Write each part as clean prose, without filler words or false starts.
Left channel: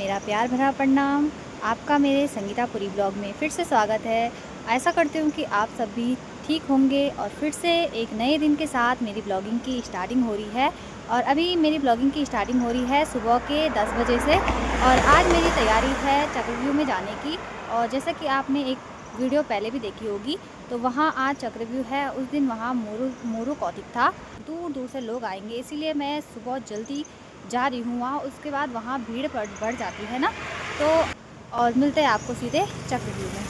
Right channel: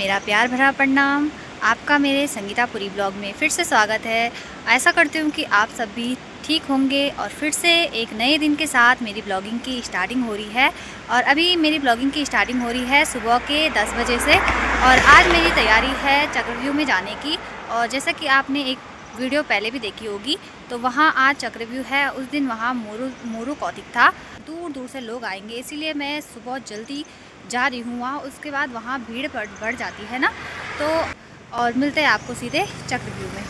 मेरा प्यार भरा प्रणाम। आपका मेरे संगीतापुरी ब्लॉग में फिर से स्वागत है। ऐसा करती हूँ कि आप सब भी ठीक होंगे और फिर से एक नए दिन के साथ मेरी ब्लॉगिंग की स्टार्टिंग हो रही है। और अभी मेरी ब्लॉगिंग की स्टार्टिंग हो रही है सुबह के 10 बजे से। और आज मेरी तैयारी है चक्रव्यूह में जाने की। और जैसा कि आपने एक वीडियो पहले भी देखी होगी, तो वहाँ आज चक्रव्यूह है। उस दिन वहाँ मोरू कौतिक था, दूर दूर से लोग आएंगे, इसीलिए मैं सुबह जल्दी जा रही हूँ वहाँ। उसके बाद वहाँ भीड़ बढ़ जाती है ना, तो और मिलते हैं आपको सीधे चक्रव्यूह में।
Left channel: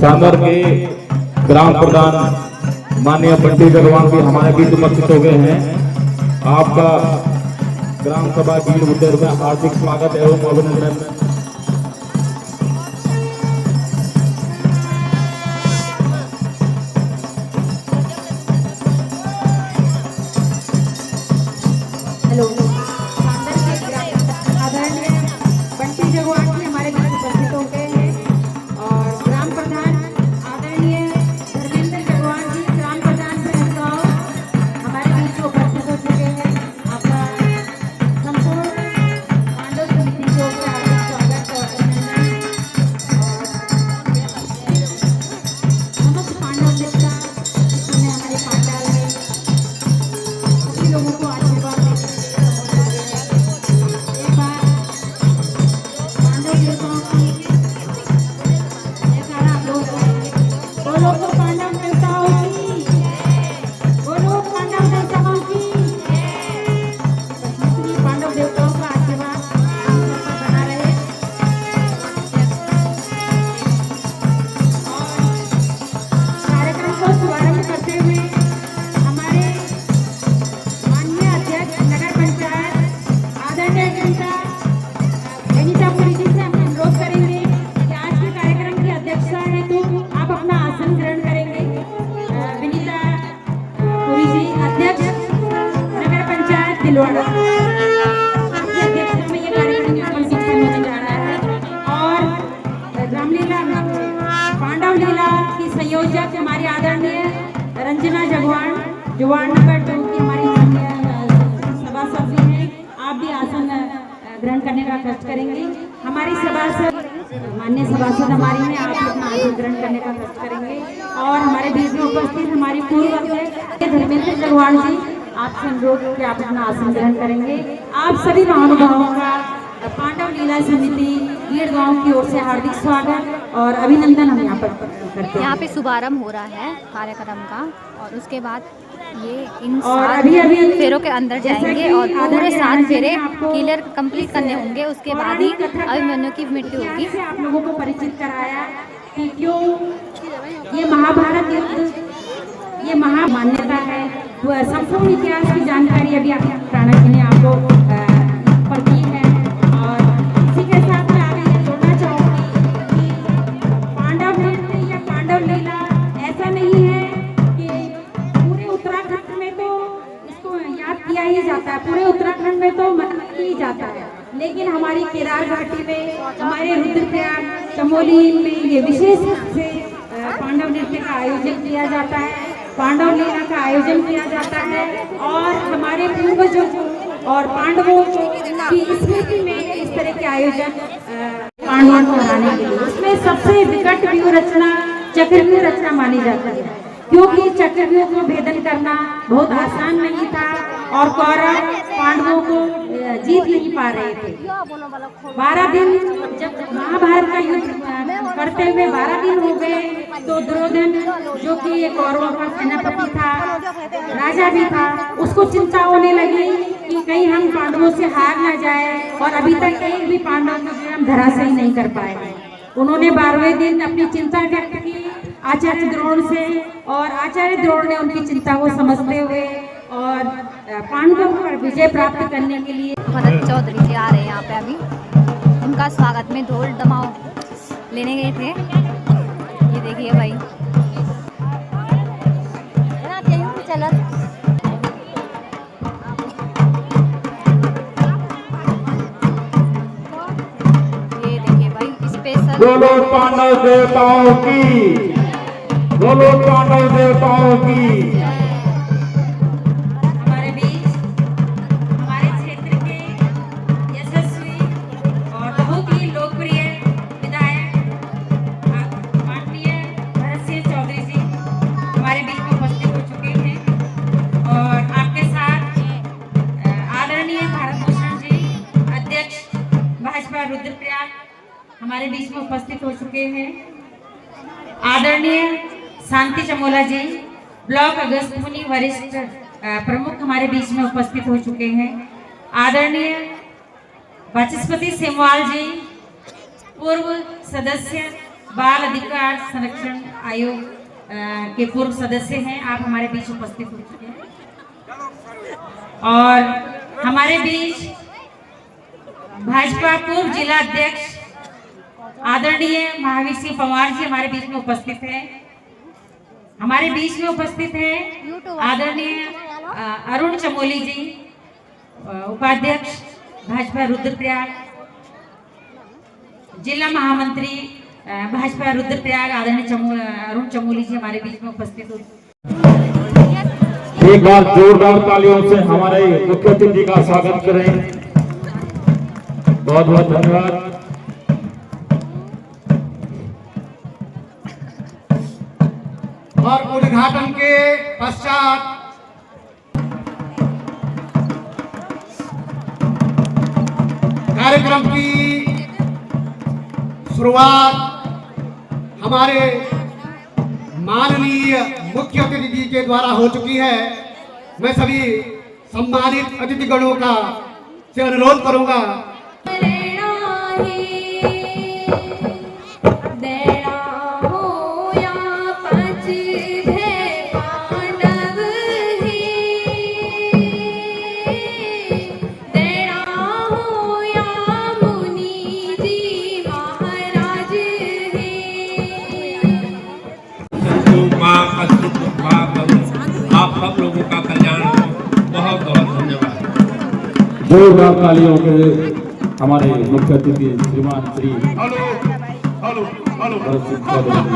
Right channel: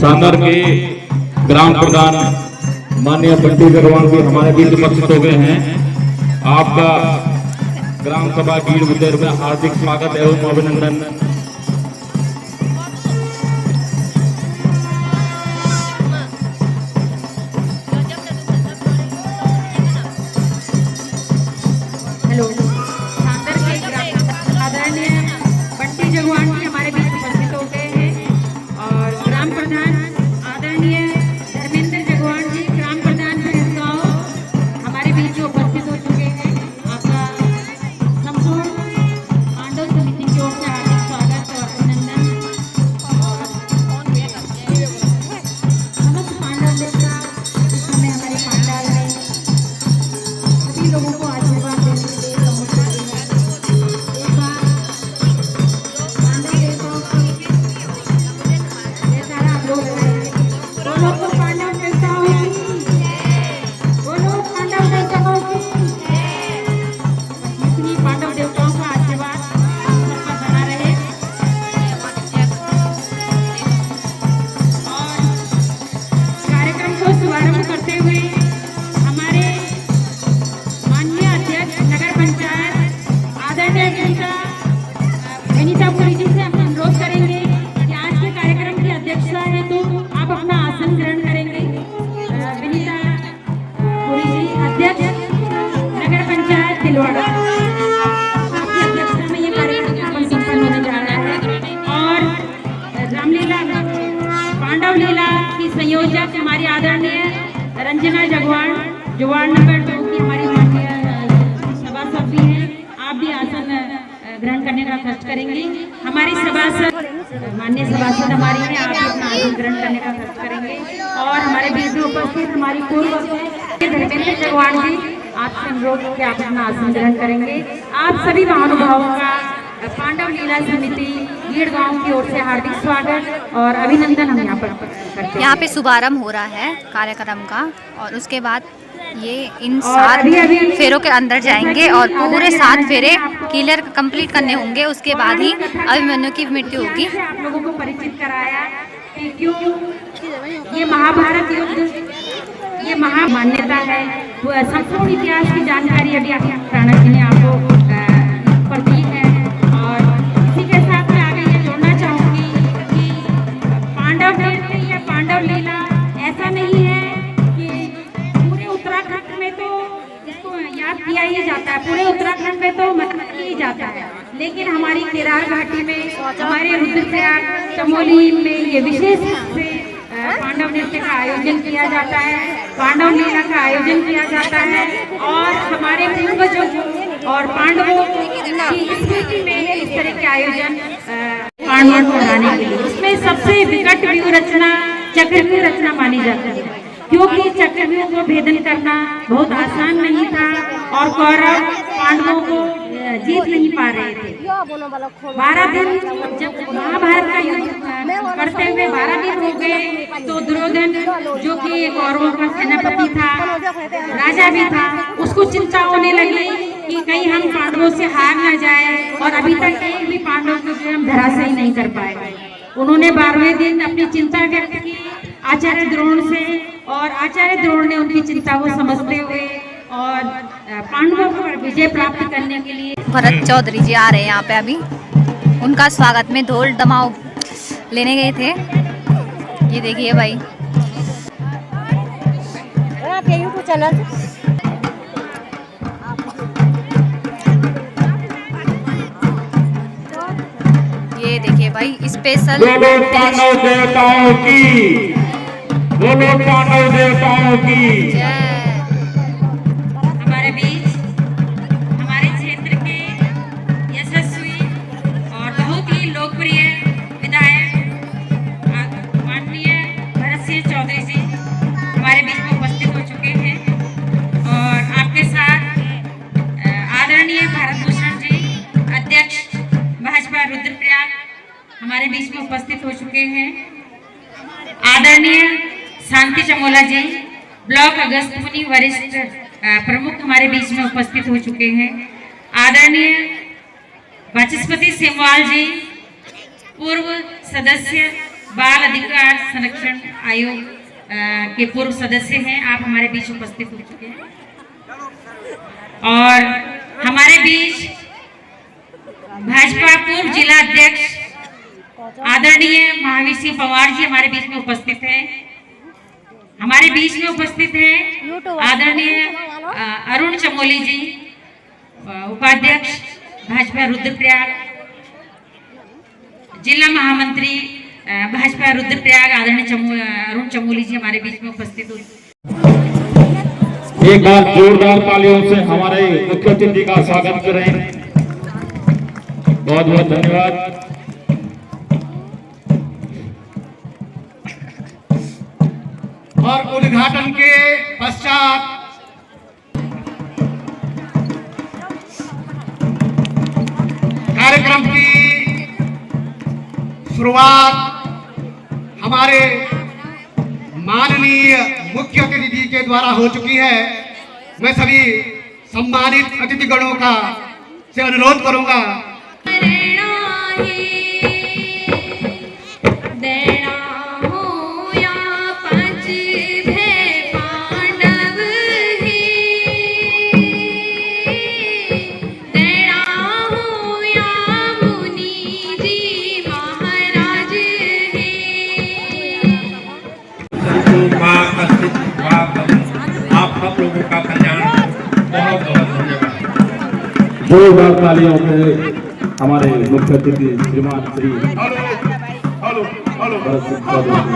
सागर के ग्राम प्रधान माननीय बंटी भगवान भी हमारे बीच उपस्थित हो गए हैं। आपका ग्राम सभा भीड़ मंदिर में हार्दिक स्वागत एवं अभिनंदन। हेलो, सागर के आदरणीय बंटी जगवान जी हमारे बीच उपस्थित हो गए हैं और ग्राम प्रधान आदरणीय धर्मेंद्र जगवान जी ग्राम प्रधान गाँव हमारे बीच उपस्थित हो चुके हैं। आपका संपूर्ण पांडव समिति की ओर से हार्दिक स्वागत और अभिनंदन। समस्त पांडव मित्र इस समय हमारे पांडाल में सभी लोगों को आशीर्वाद देते संयोजक हमारी आदरणीय रंजना जगवान जवान नंबर 2 की हमारी सभासद भी हैं। आप भी आसन ग्रहण करने का कष्ट करेंगे। हमारी सभासद माननीय सभासद हमारी हैं, आप अपना आसन ग्रहण करने का कष्ट करेंगे। और हमारे बीच में उपस्थित हमारी पूर्व धर्मेंद्र जगवान जी, आप अनुरोध के आप अपना आसन ग्रहण करेंगे। आप सभी महानुभावों का पांडव लीला समिति भीड़ गांव की ओर से हार्दिक स्वागत और अभिनंदन हम यहाँ पर करते हैं। यहाँ पे शुभारंभ हो रहा है कार्यक्रम का और उसके बाद ये इन 7 फेरों के अंदर जाएंगे और पूरे 7 फेरे क्लियर कंप्लीट करने होंगे। उसके बाद ही अभिमन्यु की मृत्यु होगी। आप लोगों को परिचित कराया कि क्यों ये महाभारत युद्ध ये महामान्यता है। वो संपूर्ण इतिहास की जानकारी अभी आप राणा जी ने आपको पढ़ी है। और इसी के साथ मैं आगे ये जोड़ना चाहूँगी कि पांडव नृत्य या पांडव लीला ऐसा नहीं है कि पूरे उत्तराखंड में तो इसको याद किया ही जाता है, पूरे उत्तराखंड में तो मतलब ही जाता है, लेकिन हमारी केदार घाटी में, हमारे रुद्रप्रयाग चमोली में ये विशेष रूप से पांडव नृत्य का आयोजन किया जाता है, पांडव लीला का आयोजन किया जाता है। और हमारे पूर्वजों और पांडवों की स्मृति में इस तरह के आयोजन पांडवों को बढ़ाने के लिए इसमें सबसे विकट व्यूह रचना चक्रव्यूह रचना मानी जाती है, क्योंकि चक्रव्यूह को भेदन करना बहुत आसान नहीं था और कौरव पांडवों को जीत नहीं पा रहे थे। 12 दिन जब महाभारत का युद्ध करते हुए 12 दिन हो गए, तो दुर्योधन जो कि कौरवों का सेनापति था, राजा भी था, उसको चिंता होने लगी कि कहीं हम पांडवों से हार न जाए। और अभी तक एक भी पांडव को हम धराशायी नहीं कर पाए। उन्होंने 12वें दिन अपनी चिंता व्यक्त की आचार्य द्रोण से, और आचार्य द्रोण ने उनकी चिंता को समझते हुए और पांडवों पर विजय प्राप्त करने के लिए भरत चौधरी जी आ रहे हैं यहाँ पे। अभी उनका स्वागत में ढोल दमाव लेने गए थे। ये देखिए भाई, ये देखिए भाई, स्पेशल बोलो पांडव देवताओं की, बोलो पांडव देवताओं की। हमारे बीच हमारे क्षेत्र के यशस्वी और बहुत ही लोकप्रिय विधायक माननीय भरत सिंह चौधरी जी हमारे बीच में उपस्थित हो चुके हैं और आपके साथ आदरणीय भारत भूषण जी अध्यक्ष भाजपा रुद्रप्रयाग हमारे बीच में उपस्थित हो चुके हैं। आदरणीय शांति चमोला जी ब्लॉक अगस्त मुनि वरिष्ठ प्रमुख हमारे बीच में उपस्थित हो चुके हैं। आदरणीय वाचस्पति सेमवाल जी पूर्व सदस्य बाल अधिकार संरक्षण आयोग के पूर्व सदस्य हैं, आप हमारे बीच उपस्थित हो चुके हैं। और हमारे बीच भाजपा पूर्व जिला अध्यक्ष आदरणीय महावीर सिंह पवार जी हमारे बीच में उपस्थित हैं। हमारे बीच में उपस्थित है आदरणीय अरुण चमोली जी उपाध्यक्ष भाजपा रुद्रप्रयाग, जिला महामंत्री भाजपा रुद्रप्रयाग आदरणीय अरुण चमोली जी हमारे बीच में उपस्थित हुए। एक बार जोरदार तालियों से हमारे मुख्य अतिथि का स्वागत करें। बहुत बहुत धन्यवाद। और उद्घाटन के पश्चात कार्यक्रम की शुरुआत हमारे माननीय मुख्य अतिथि जी के द्वारा हो चुकी है। मैं सभी सम्मानित अतिथिगणों का से अनुरोध करूंगा आप सब लोगों का कल्याण बहुत बहुत धन्यवाद। जोरदार तालियों से हमारे मुख्य अतिथि श्रीमान श्री भरत सिंह चौधरी जी।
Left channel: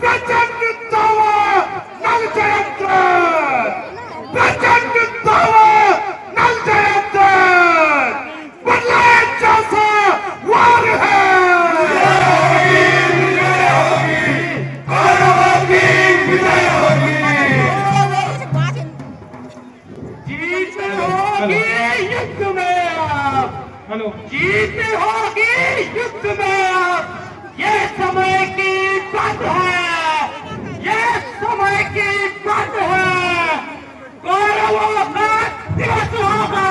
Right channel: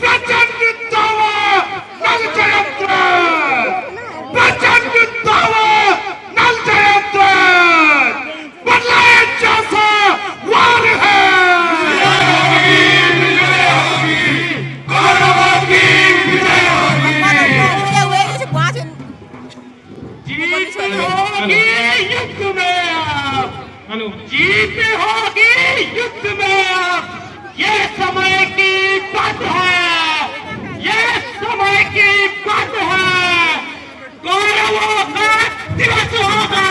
प्रचंड दावा नल जयंत, प्रचंड दावा नल जयंत, बदलाए जैसा वार है। कौरवों की विजय होगी, जीत होगी युद्ध में, जीत होगी युद्ध में। ये समय की बात है, ये समय की बात है। कौरवों का दिवस होगा,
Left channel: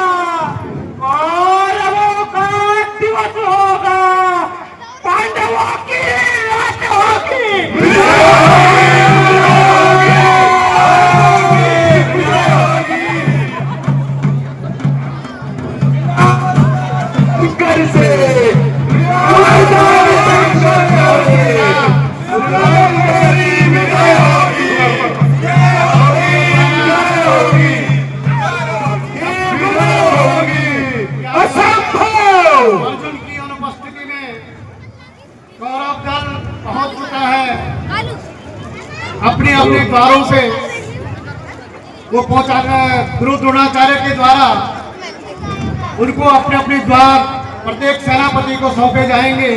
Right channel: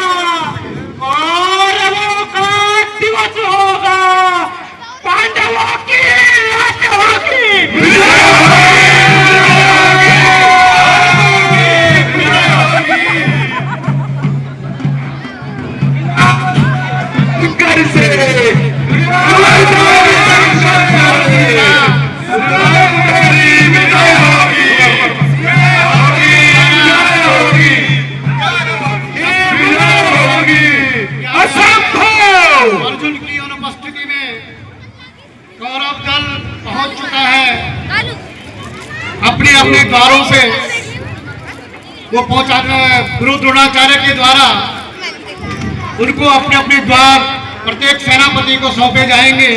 कौरवों का दिवस होगा, पांडवों की रात होगी। घर से अर्जुन की अनुपस्थिति में कौरव दल पहुंच चुका है। अपने अपने द्वारों से वो पहुंचाकर गुरु द्रोणाचार्य के द्वारा उनको अपने अपने द्वार प्रत्येक सेनापति को सौंपे जाएंगे।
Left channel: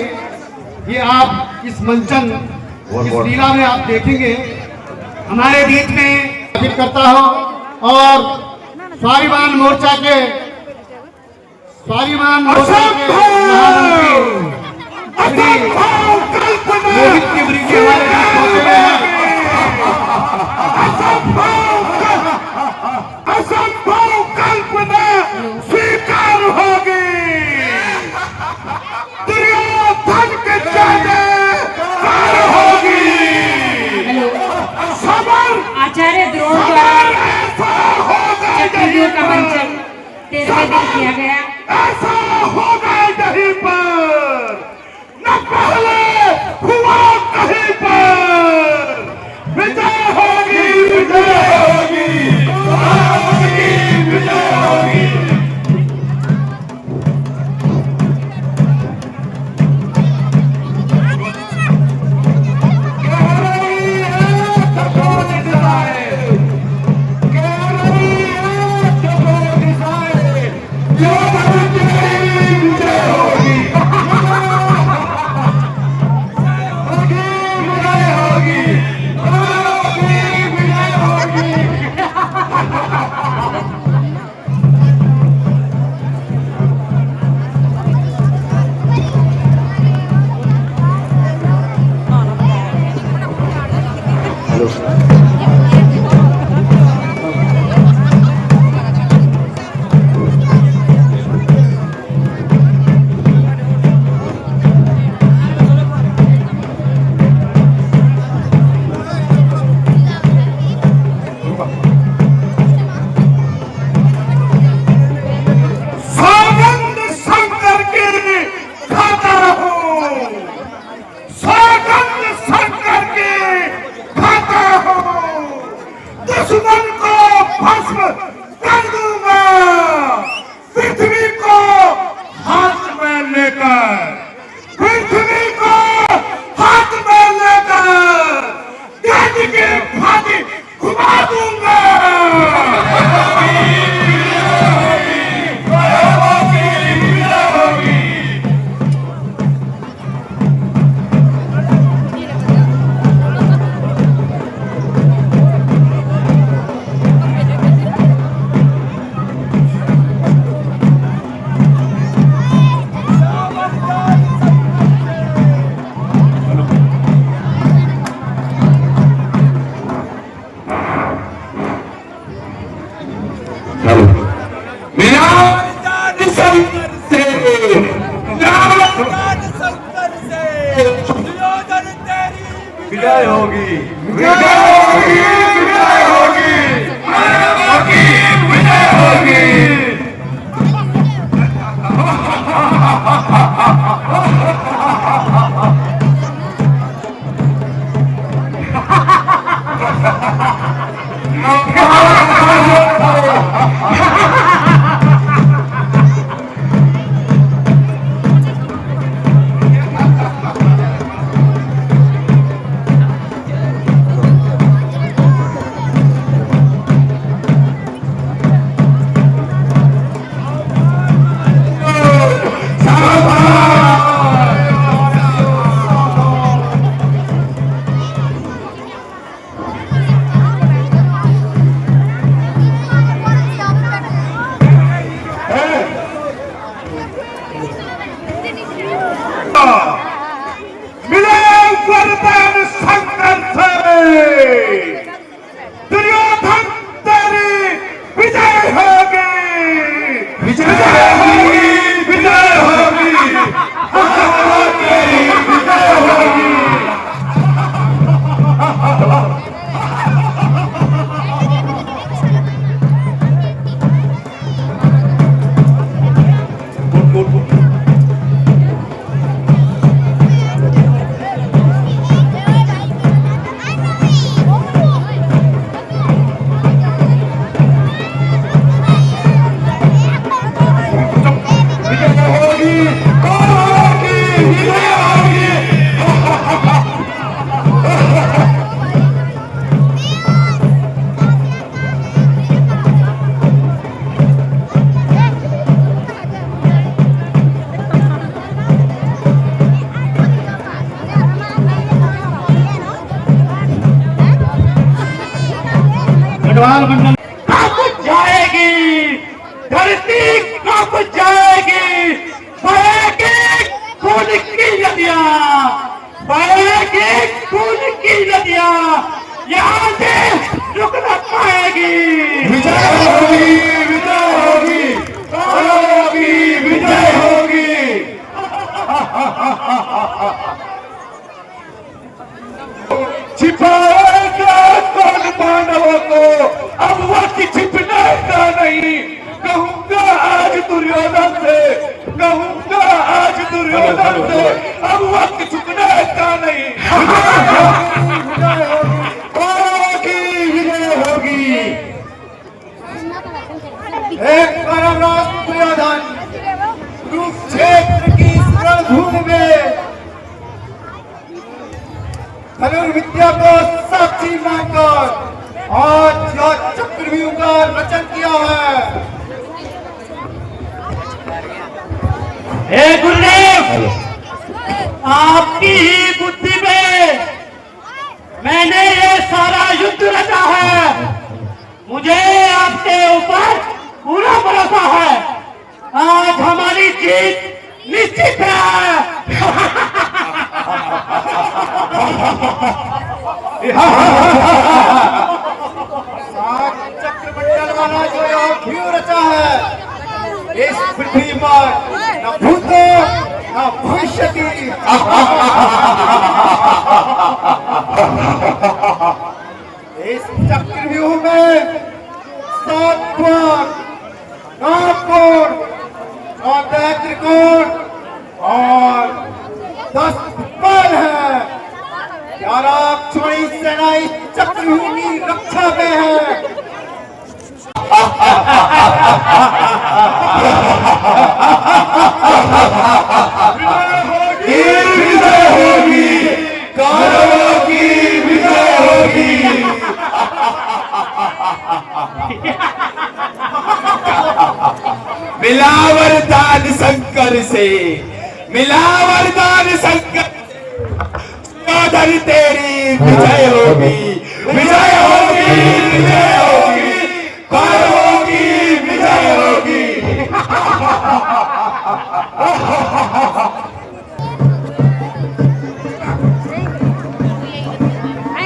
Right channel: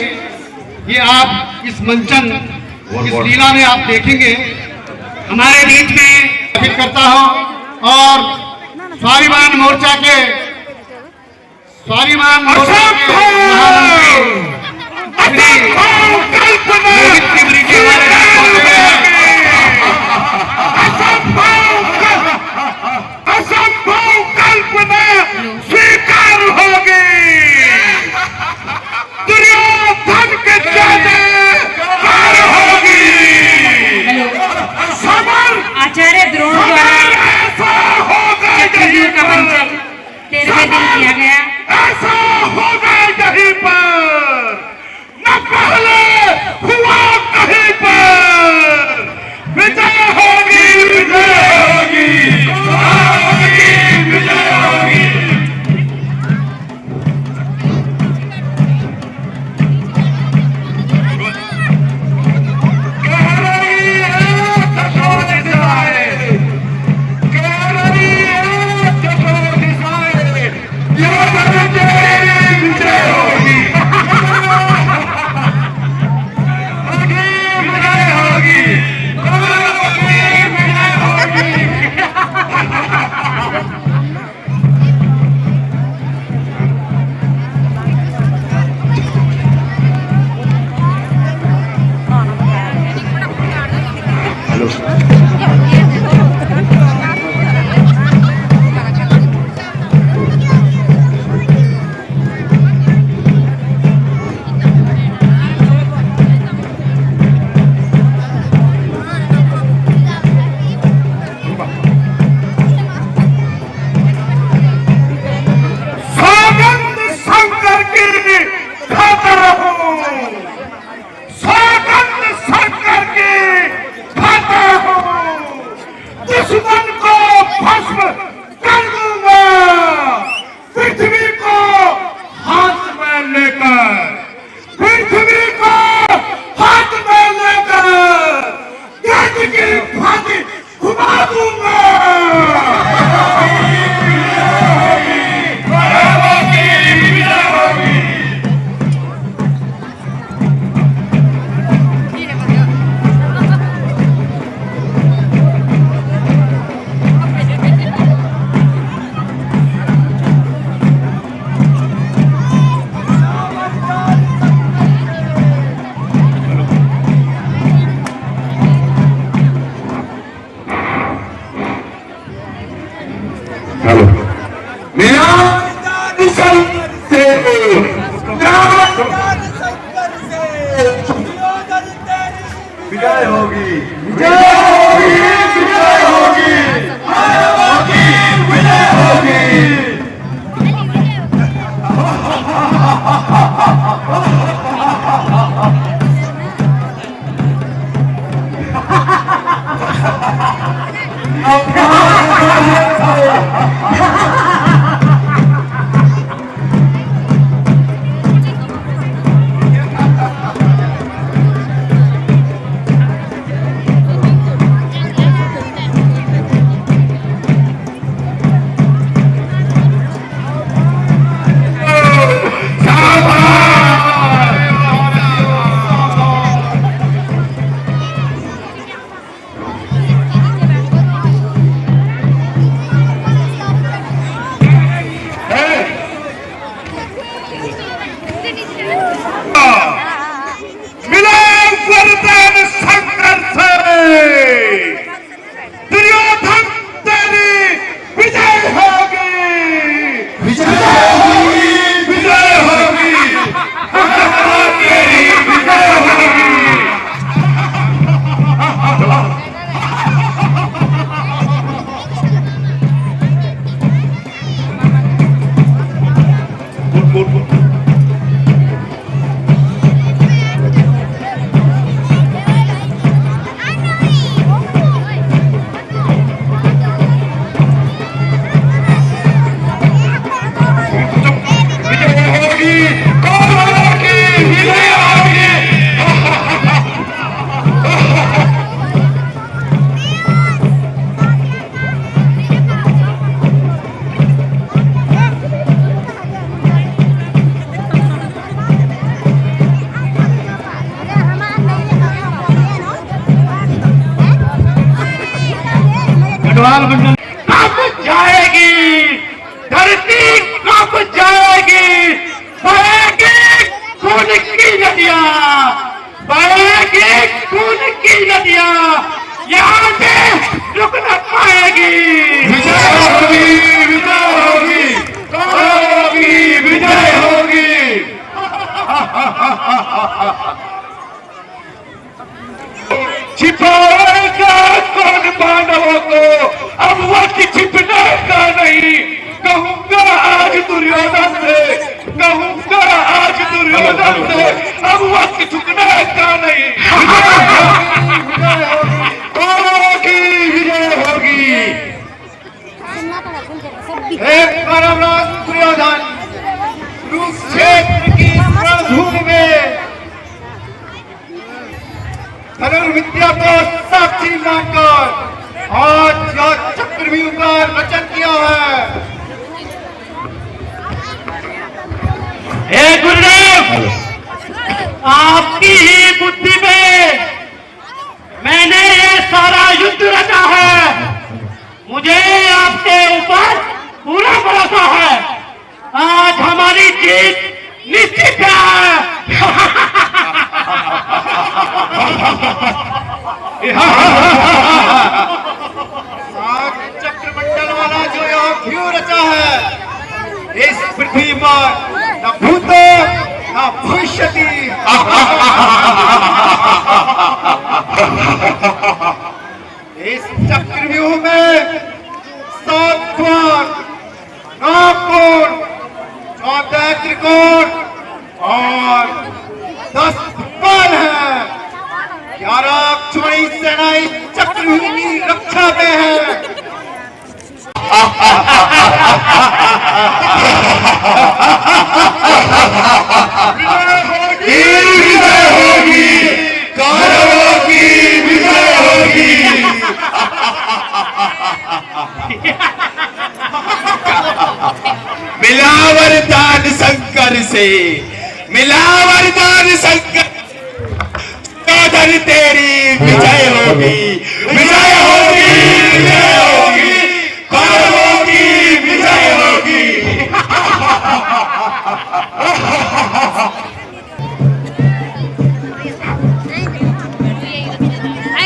ये आप इस मंचन इस लीला में आप देखेंगे। हमारे बीच में स्थापित करता हूं और स्वाभिमान मोर्चा के महामंत्री श्री मोहित तिवारी जी हमारे बीच पहुंचे हैं। असंभव कल्पना स्वीकार होगी, दुर्योधन के जय होगी। आचार्य द्रोण द्वारा चतुर्युग का परिचय 13वें दिन किया गया। ऐसा होगा कहीं पर, न पहले हुआ कहीं पर। विजय होगी, विजय होगी, विजय होगी। दुश्मन को भस्म कर दूंगा, पृथ्वी को हाथ में लेकर, पृथ्वी को हाथ में लेकर गेंद की भांति घुमा दूंगा। विजय होगी, विजय होगी, विजय होगी, विजय होगी। सवाल कब जाएगी धरती, कब जाएगी, बहेगी खून की नदियां, बहेगी खून की नदियां, यहाँ से रुक न पाएगी। विजय होगी, विजय होगी, होगी, विजय होगी। छिपाएगा कौन पांडवों को, अब वक्त छिपने का नहीं। कहूंगा आज दुर्योधन से, कहूंगा आज दुर्योधन से, अब वक्त छिपने का नहीं। होगी, विजय होगी। एक परमराज दुर्योधन कुरुक्षेत्र की रणभूमि में धनुर्विद्या को साक्षी मानकर आज चक्रव्यूह का रचन किया है। हे गुरुदेव, आपकी ही बुद्धि में मैंने ये सारा युद्ध रचा है। मुझे आपके ऊपर पूरा भरोसा है। आज हमारी जीत निश्चित है। चक्रमंडल वाला जो क्यों रचा है, इस पृथ्वी पर न भूतो न भविष्यति। इस चक्रव्यूह में 7 कोण, 9 कोण, 14 त्रिकोण और 10 बाण है। 11 अक्षौहिणी सेनाएं चक्रव्यूह की रक्षा में है। विजय होगी, कौरवों की विजय होगी। मिला वरदान शंकर से, मिला वरदान शंकर, तेरी विजय होगी, विजय होगी, विजय होगी, कौरवों की विजय होगी।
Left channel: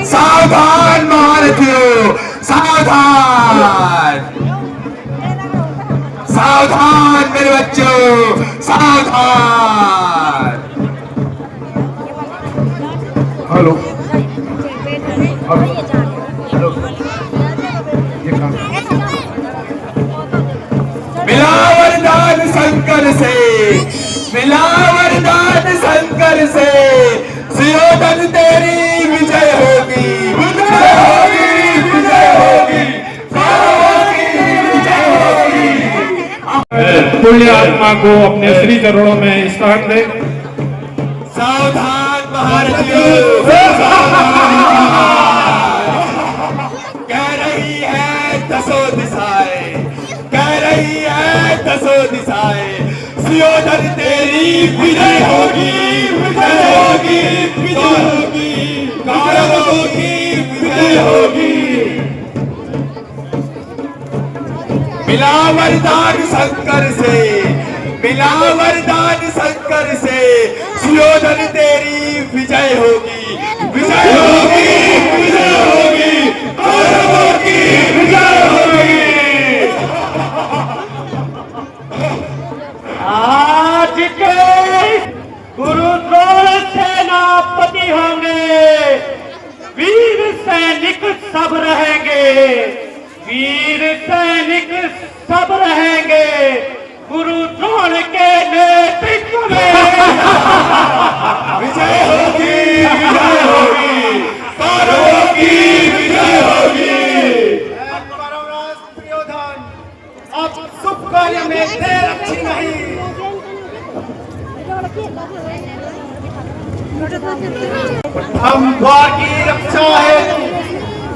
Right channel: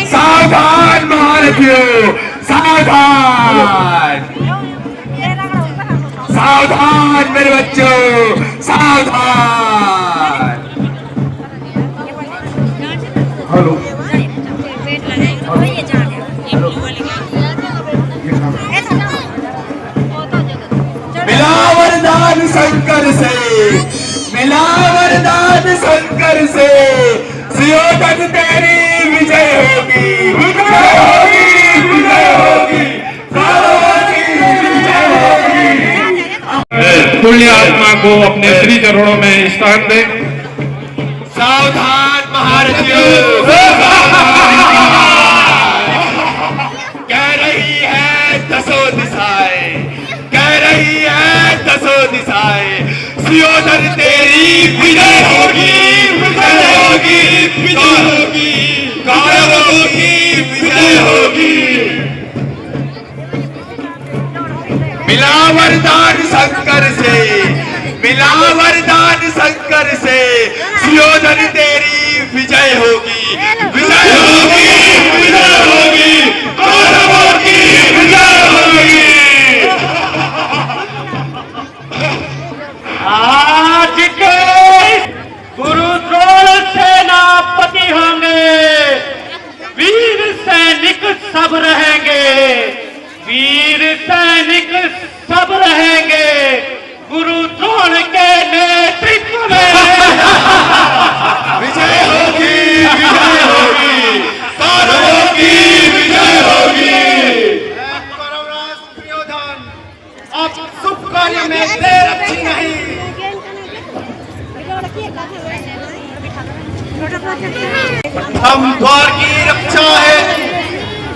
सावधान भारतीयों, सावधान, सावधान मेरे बच्चों, सावधान। हेलो, मिला वरदान शंकर से, मिला वरदान शंकर से, सुयोधन तेरी विजय होगी, विजय होगी, विजय होगी, विजय होगी। पुण्य आत्मा को अपने श्री चरणों में स्थान दे। सावधान भारतीयों, कह रही है दसों दिशाएं, कह रही है दसों दिशाएं, सुयोधन तेरी विजय होगी, विजय होगी, विजय होगी, कौरवों की विजय होगी। मिला वरदान शंकर से, मिला वरदान शंकर से, सुयोधन तेरी विजय होगी, विजय होगी, विजय होगी, कौरवों की विजय होगी। आज के गुरु द्रोण सेनापति होंगे, वीर सैनिक सब रहेंगे, वीर सैनिक सब रहेंगे गुरु द्रोण के नेतृत्व में। विजय होगी, विजय होगी, कौरवों की विजय होगी। परमराज दुर्योधन, अब शुभ कार्य में देर अच्छी नहीं। हम द्वार की रक्षा है,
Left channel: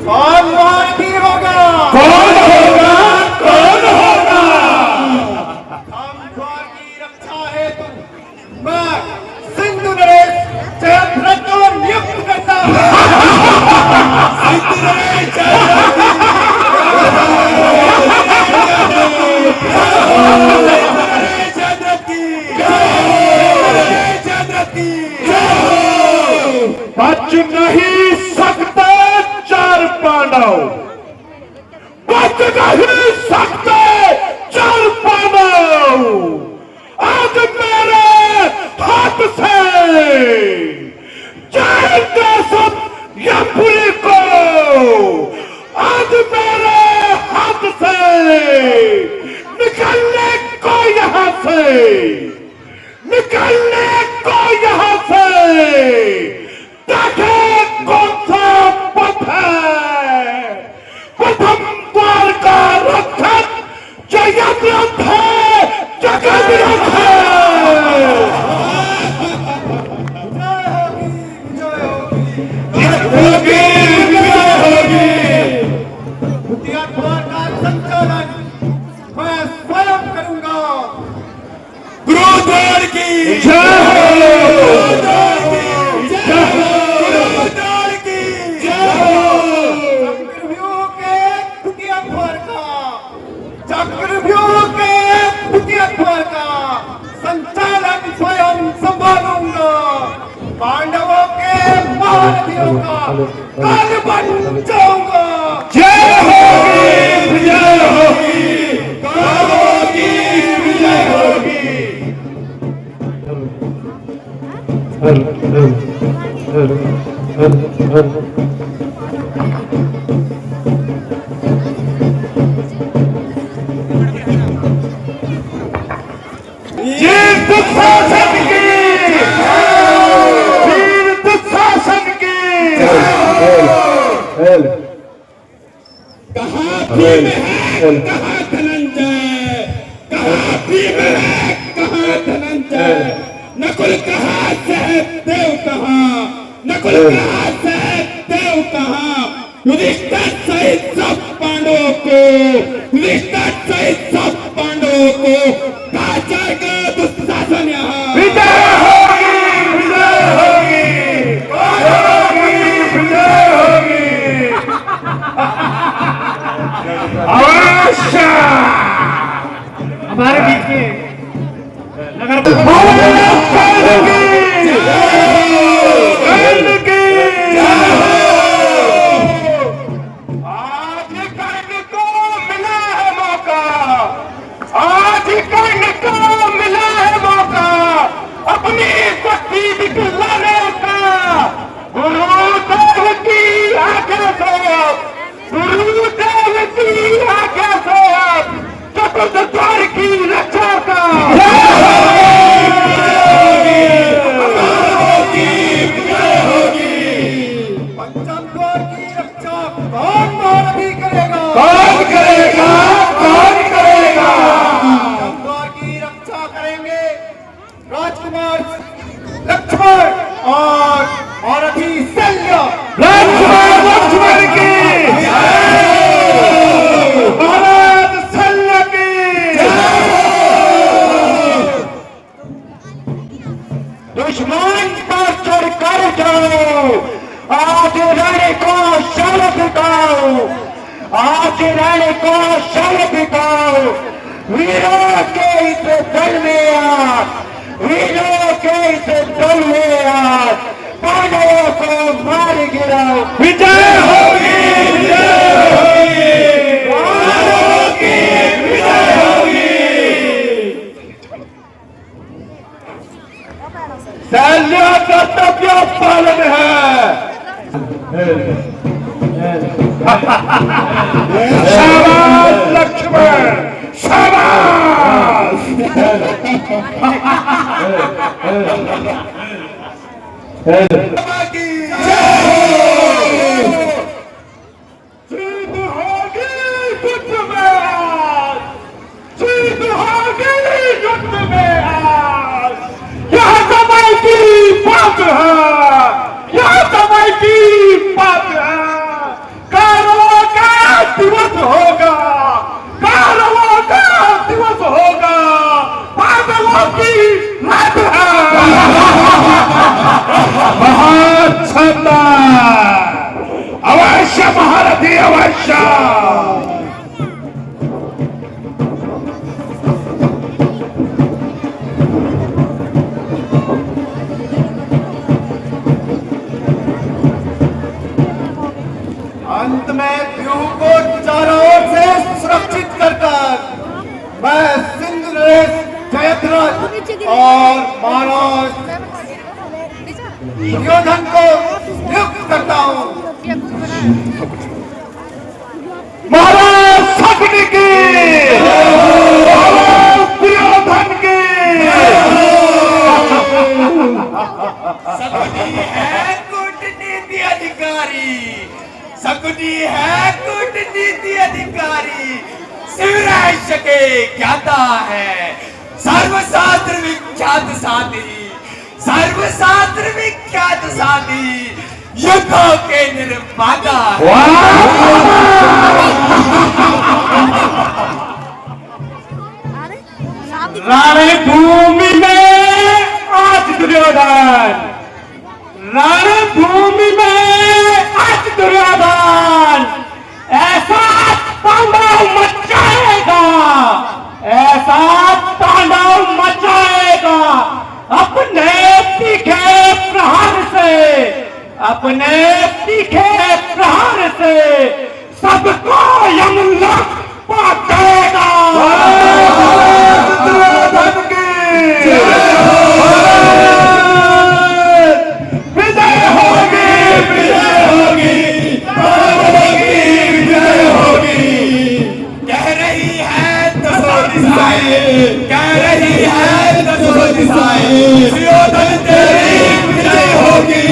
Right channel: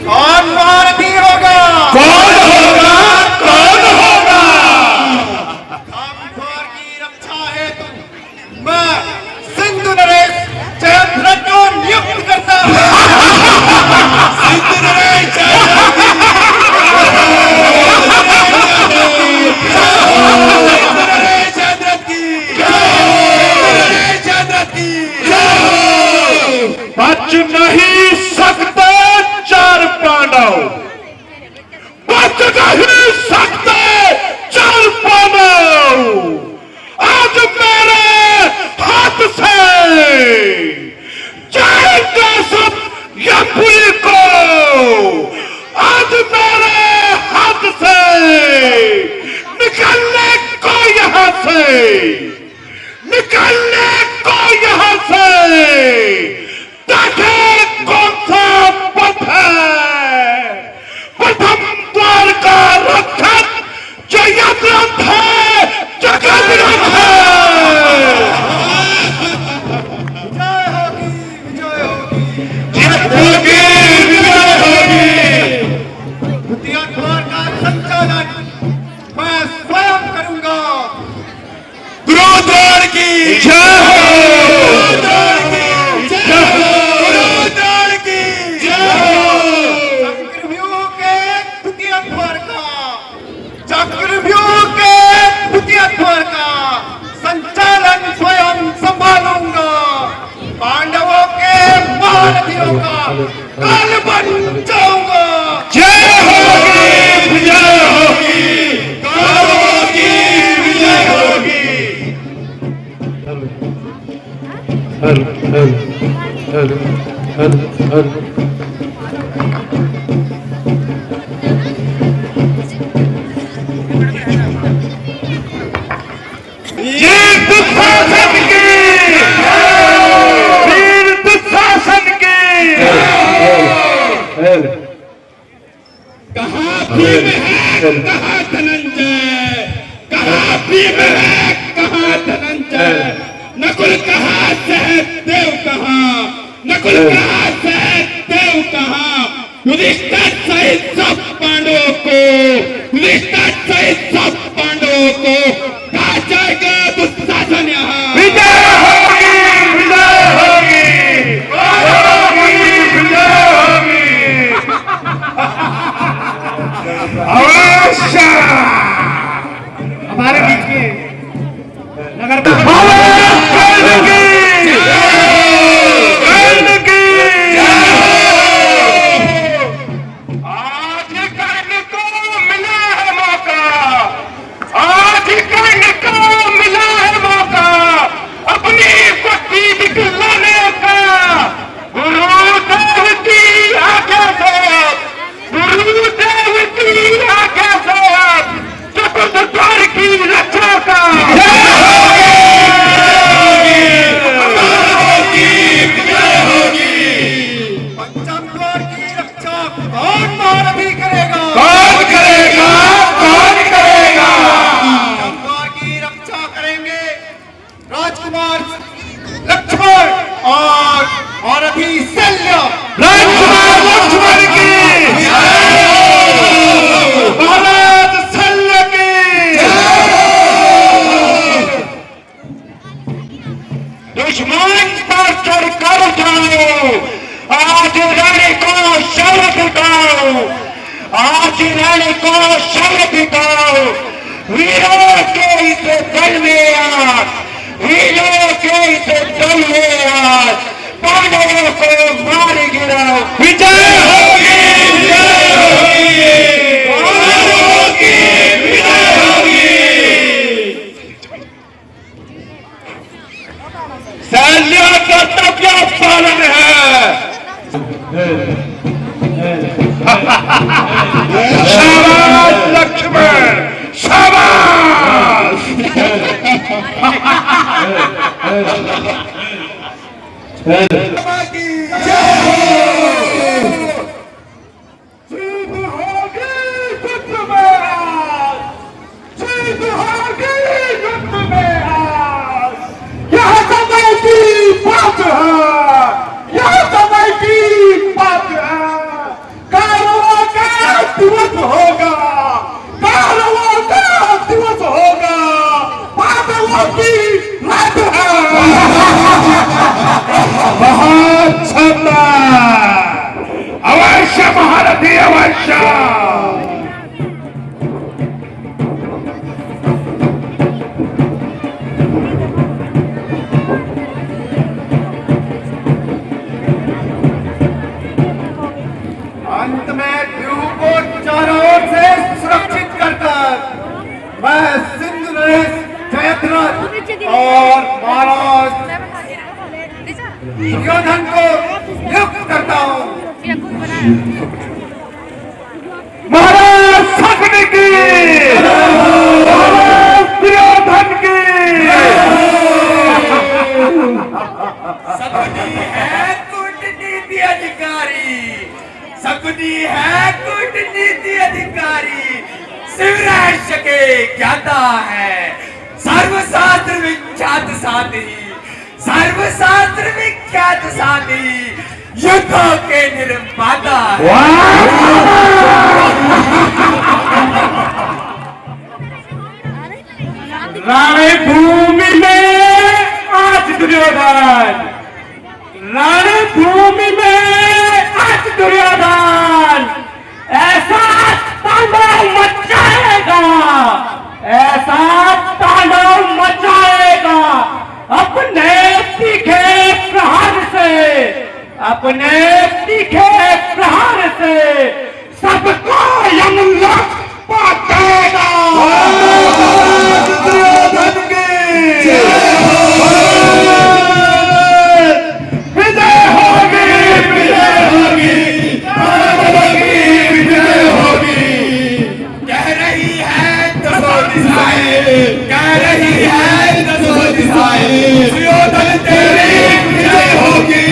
कौन भारती होगा, कौन होगा, कौन होगा। हम द्वार की रक्षा है, मैं सिंधु नरेश जयद्रथ को नियुक्त करता हूँ। सिंधु नरेश नहीं सकते चल पाना। आज मेरे हाथ से जाएगा सब ये पुल को, आज मेरे हाथ से निकलने को यहाँ से, निकलने को यहाँ से। देखे कौन सा पथ है, प्रथम द्वार का रक्षक जो यज्ञ है जगत रखे। द्वार का संचालन मैं स्वयं करूंगा। गुरुद्वार की जय हो, गुरुद्वार की जय हो। चक्रव्यूह के द्वितीय द्वार का, चक्रव्यूह के द्वितीय द्वार का संचालन स्वयं संभालूंगा। पांडवों के महारथियों का काल बन जाऊंगा। जय होगी, विजय होगी, कालों की विजय होगी। ये दुशासन की, वीर दुशासन की। कहाँ भीम है, कहाँ धनंजय, कहाँ भीम है, कहाँ धनंजय। नकुल कहाँ, सहदेव कहाँ, नकुल कहाँ, सहदेव कहाँ। युधिष्ठिर सहित सब पांडवों को, युधिष्ठिर सहित सब पांडवों को कहा जाएगा दुशासन यहाँ। विजय होगी, विजय होगी, विजय होगी। अवश्य हमारे बीच में नगर आज कर्ण को मिला है मौका, आज कर्ण को मिला है मौका अपनी शक्ति दिखलाने का। गुरुदेव की आज्ञा से, गुरुदेव की आज्ञा से चतुर्थ द्वार की रक्षा का। पंचम द्वार की रक्षा कौन महारथी करेगा? कौन करेगा, कौन करेगा? पंचम द्वार की रक्षा करेंगे राजकुमार लक्ष्मण और महारथी शल्य। राजकुमार लक्ष्मण की, महाराज शल्य की। दुश्मन पर चढ़कर जाओ, आज रण को शब्द दिखाओ, आज रण को शब्द दिखाओ। वीरों के इस दल में आज, वीरों के इस दल में आज पांडवों को मार गिराओ। विजय होगी, विजय होगी, विजय होगी। शल्य कर्तव्य पालन है। शाबाश लक्ष्मण, शाबाश। जीत होगी युद्ध में आज, जीत होगी युद्ध में आज। यह समय की बात है, यह समय की बात है। कौरवों का दिवस होगा, कौरवों का दिवस होगा, पांडवों की रात है। बहुत महाराज शक्ति की, महाराज दुर्योधन की। शकुनी है कूटनीति अधिकारी, शकुनी है कूटनीति अधिकारी, शिवराज के ज्ञाता है, सर्वशास्त्र विख्यात साथी, सर्वशास्त्र विख्यात साथी, युद्धों के निर्माता है। रणभूमि में आज दुर्योधन, रणभूमि में आज दुर्योधन ऐसा तांडव मचाएगा, ऐसा तांडव मचाएगा अपने तीखे प्रहार से, अपने तीखे प्रहार से सबको यमलोक पहुंचेगा। दुर्योधन की विजय होगी, विजय होगी, विजय होगी। कह रही है दसों दिशाएं, कह रही है दसों दिशाएं, दुर्योधन तेरी विजय होगी,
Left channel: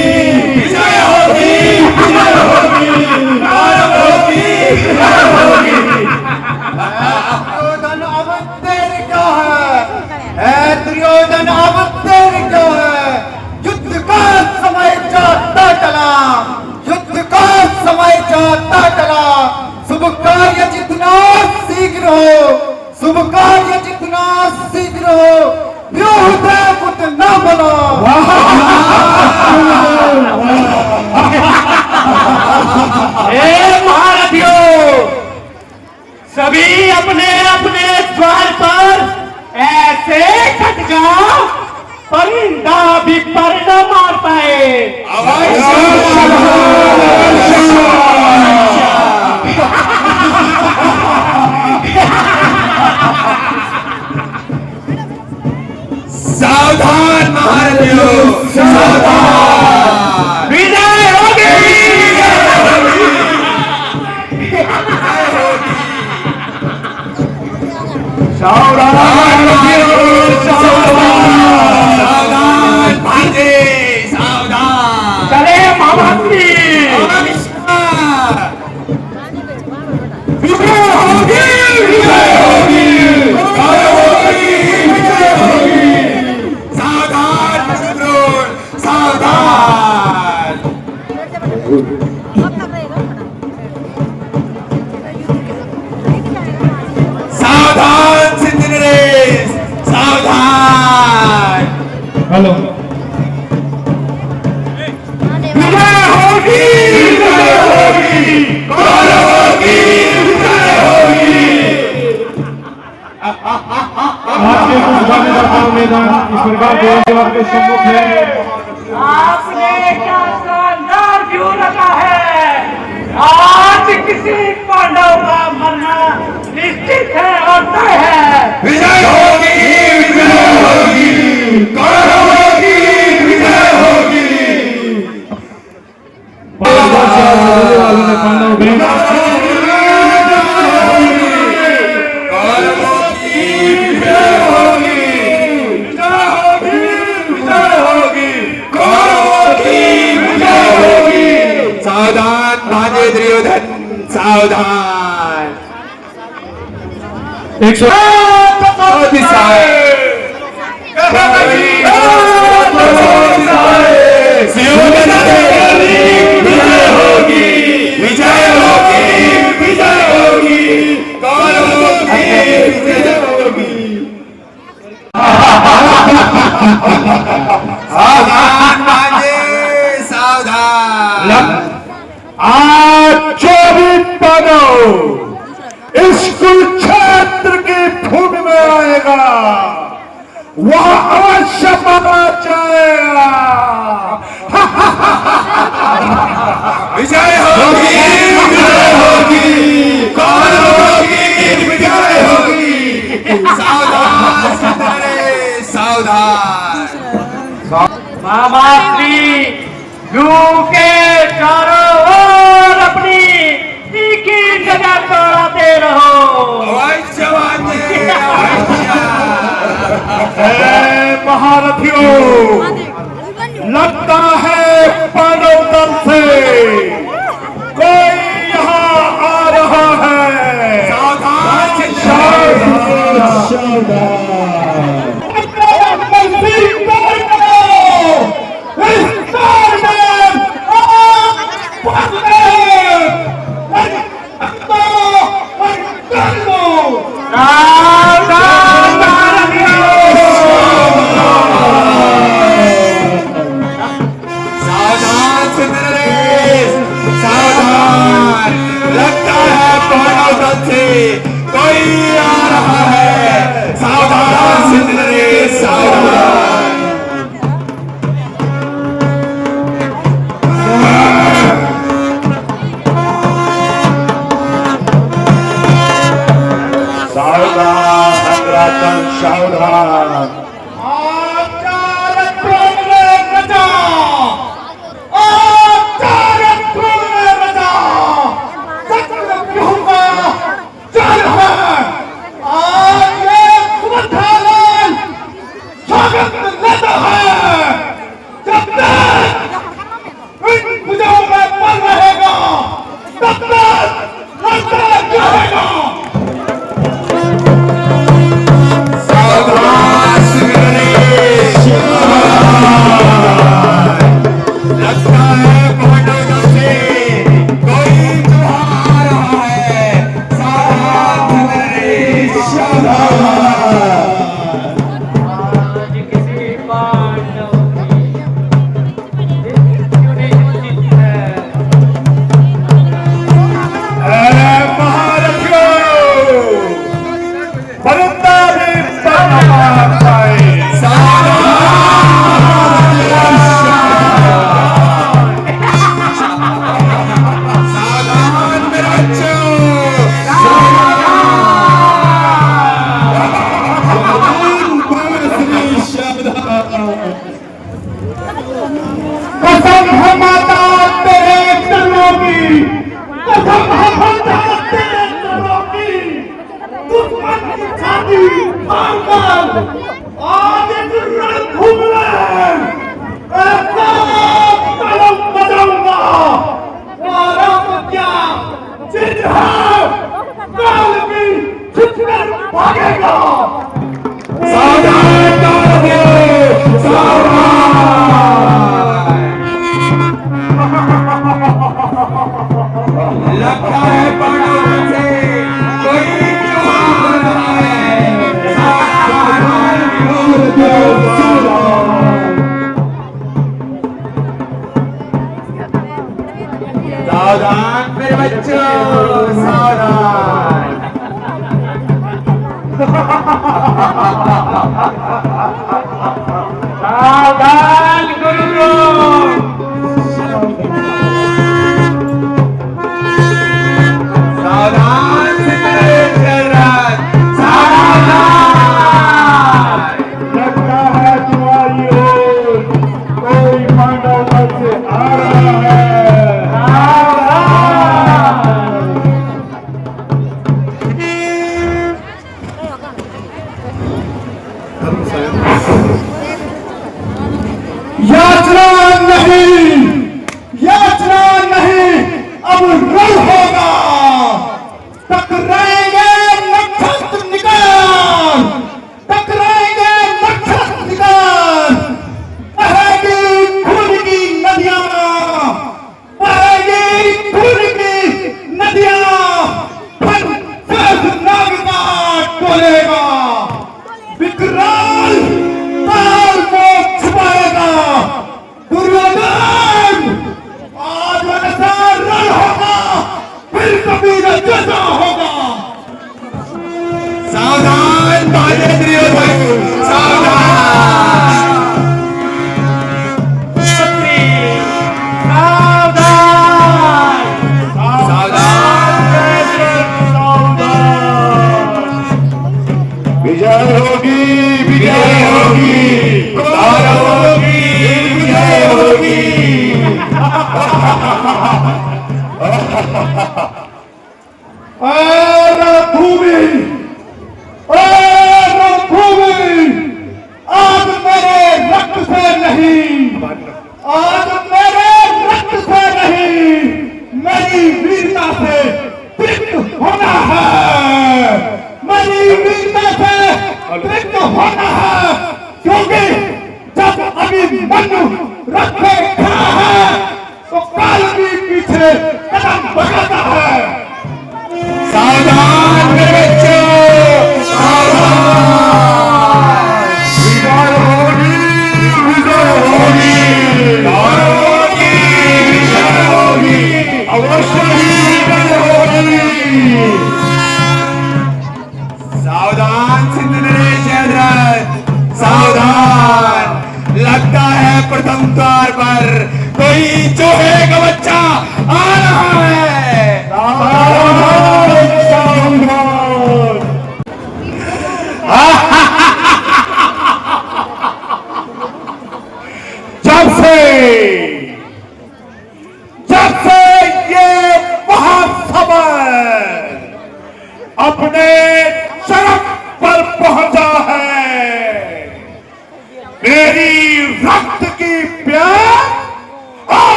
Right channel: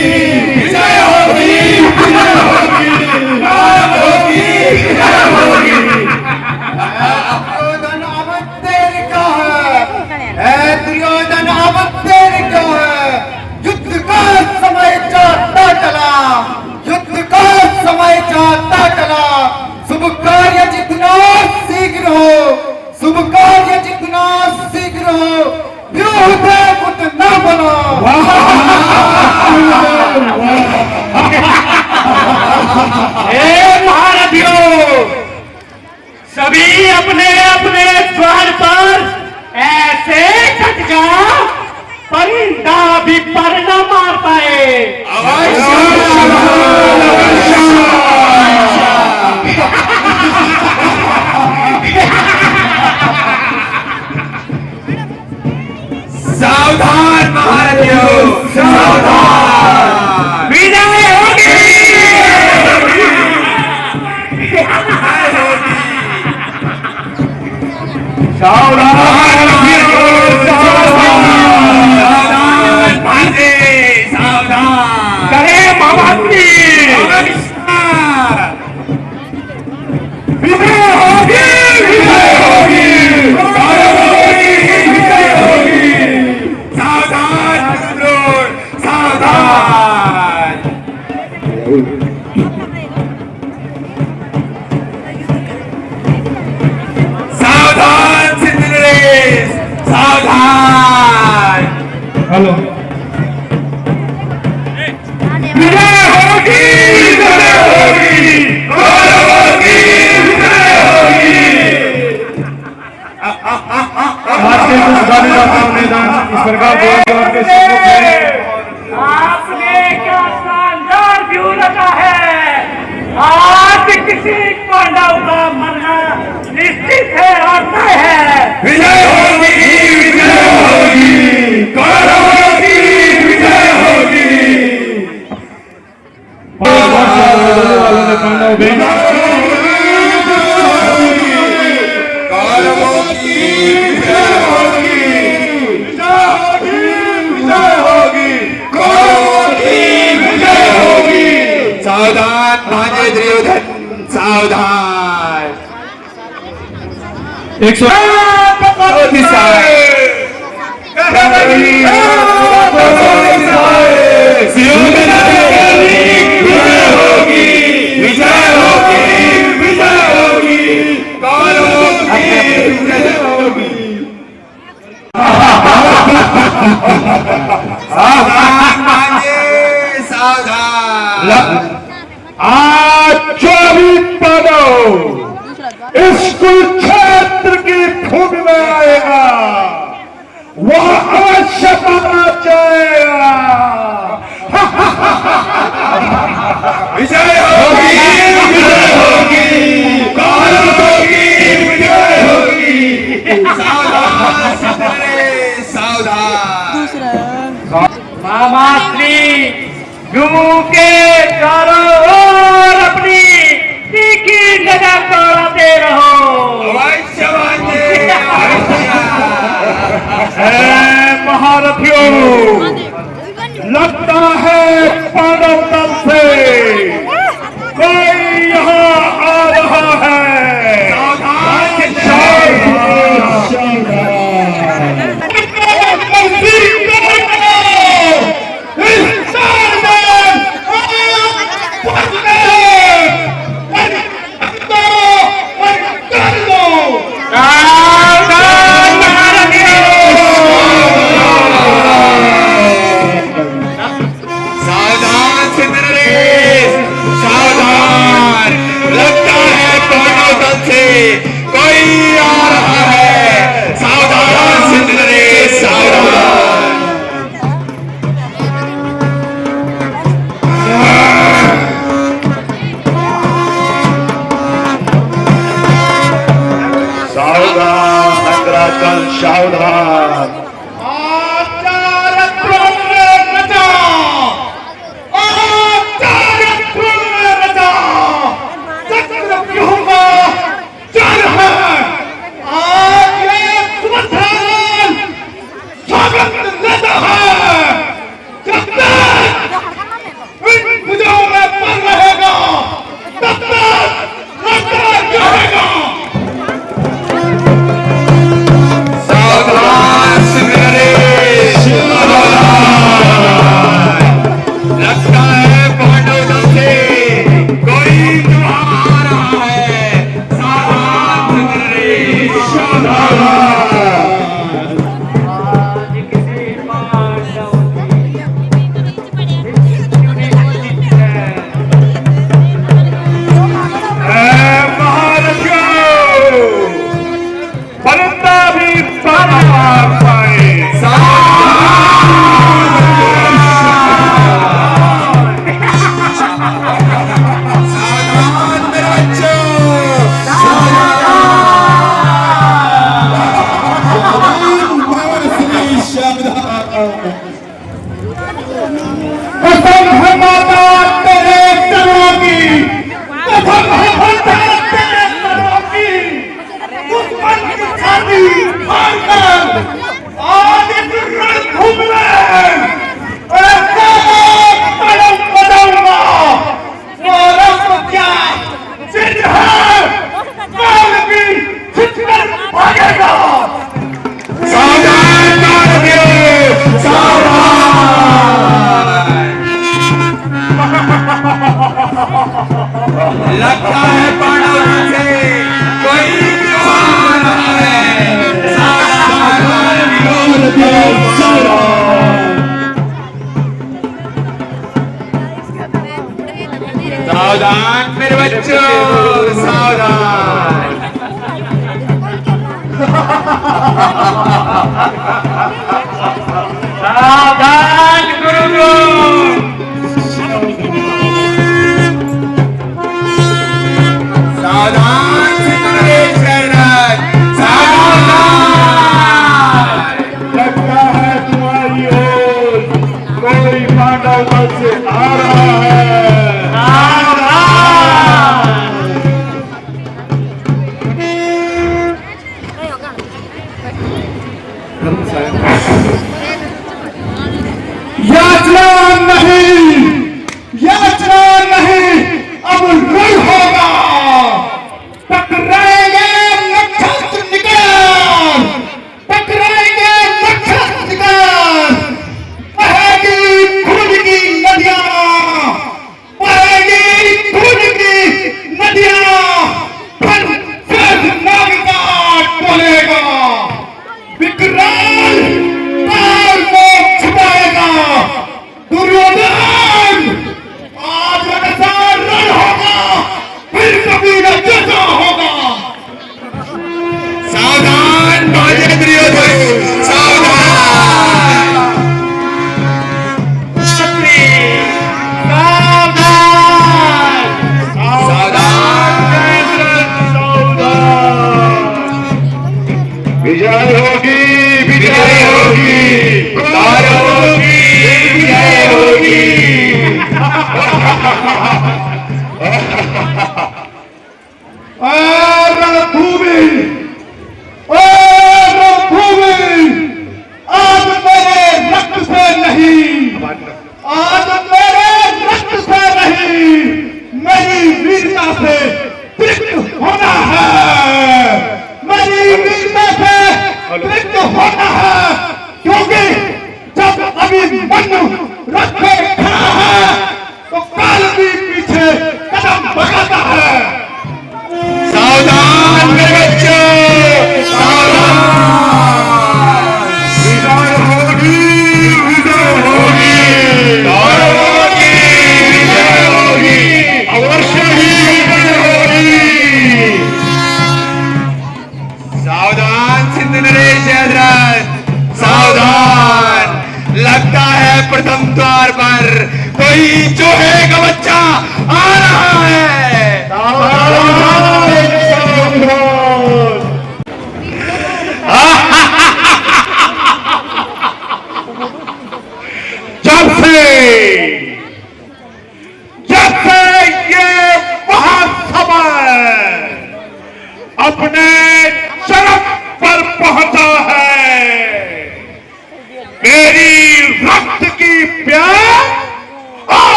विजय होगी, विजय होगी, विजय होगी। दुर्योधन अब तेरी क्या है, दुर्योधन अब तेरी क्या है, युद्ध का समय जाता चला, युद्ध का समय जाता चला, शुभ कार्य जितना शीघ्र हो, शुभ कार्य जितना शीघ्र हो, व्यूह कुछ न बनो। हे महारथियों, सभी अपने अपने द्वार पर ऐसे कट जाओ परिंदा भी पर न मार पाए। सावधान महारथियों, सावधान। विजय होगी, सावधान सावधान भांजे, सावधान। करे महाभक्ति। विजय होगी, विजय होगी, विजय होगी। सावधान द्रोण, सावधान। सावधान सिंध नरेश, सावधान। हेलो विजय होगी, विजय होगी, विजय होगी, विजय होगी। आज के कुछ गाने का निदान इस प्रकार के आपके सम्मुख है। आपने क्या शानदार व्यू रखा है। आज किसी पांडव का मरना निश्चित है और तय है। विजय होगी, विजय होगी, कौन होगी, विजय होगी। वालों ने पांडव भी सावधान भांजे दुर्योधन, सावधान। 100 दिशाएं, विजय होगी, विजय होगी, विजय होगी, कौन होगी, विजय होगी। सावधान भांजे, सावधान। आज 24 पांडव इस कुरुक्षेत्र की भूमि में आएगा, वहां शपथ जाएगा। विजय होगी, विजय होगी, कौन होगी, विजय होगी। सावधान सिद्धरे, सावधान। मामा श्री यू के चारों ओर अपनी महाकाल से कोई आ रहा है, सावधान सिंह रे सावधान। सावधान नगराजन सावधान। लगता है पांडव से कोई आ रहा है, सावधान मेरे बच्चों सावधान। सावधान गुरु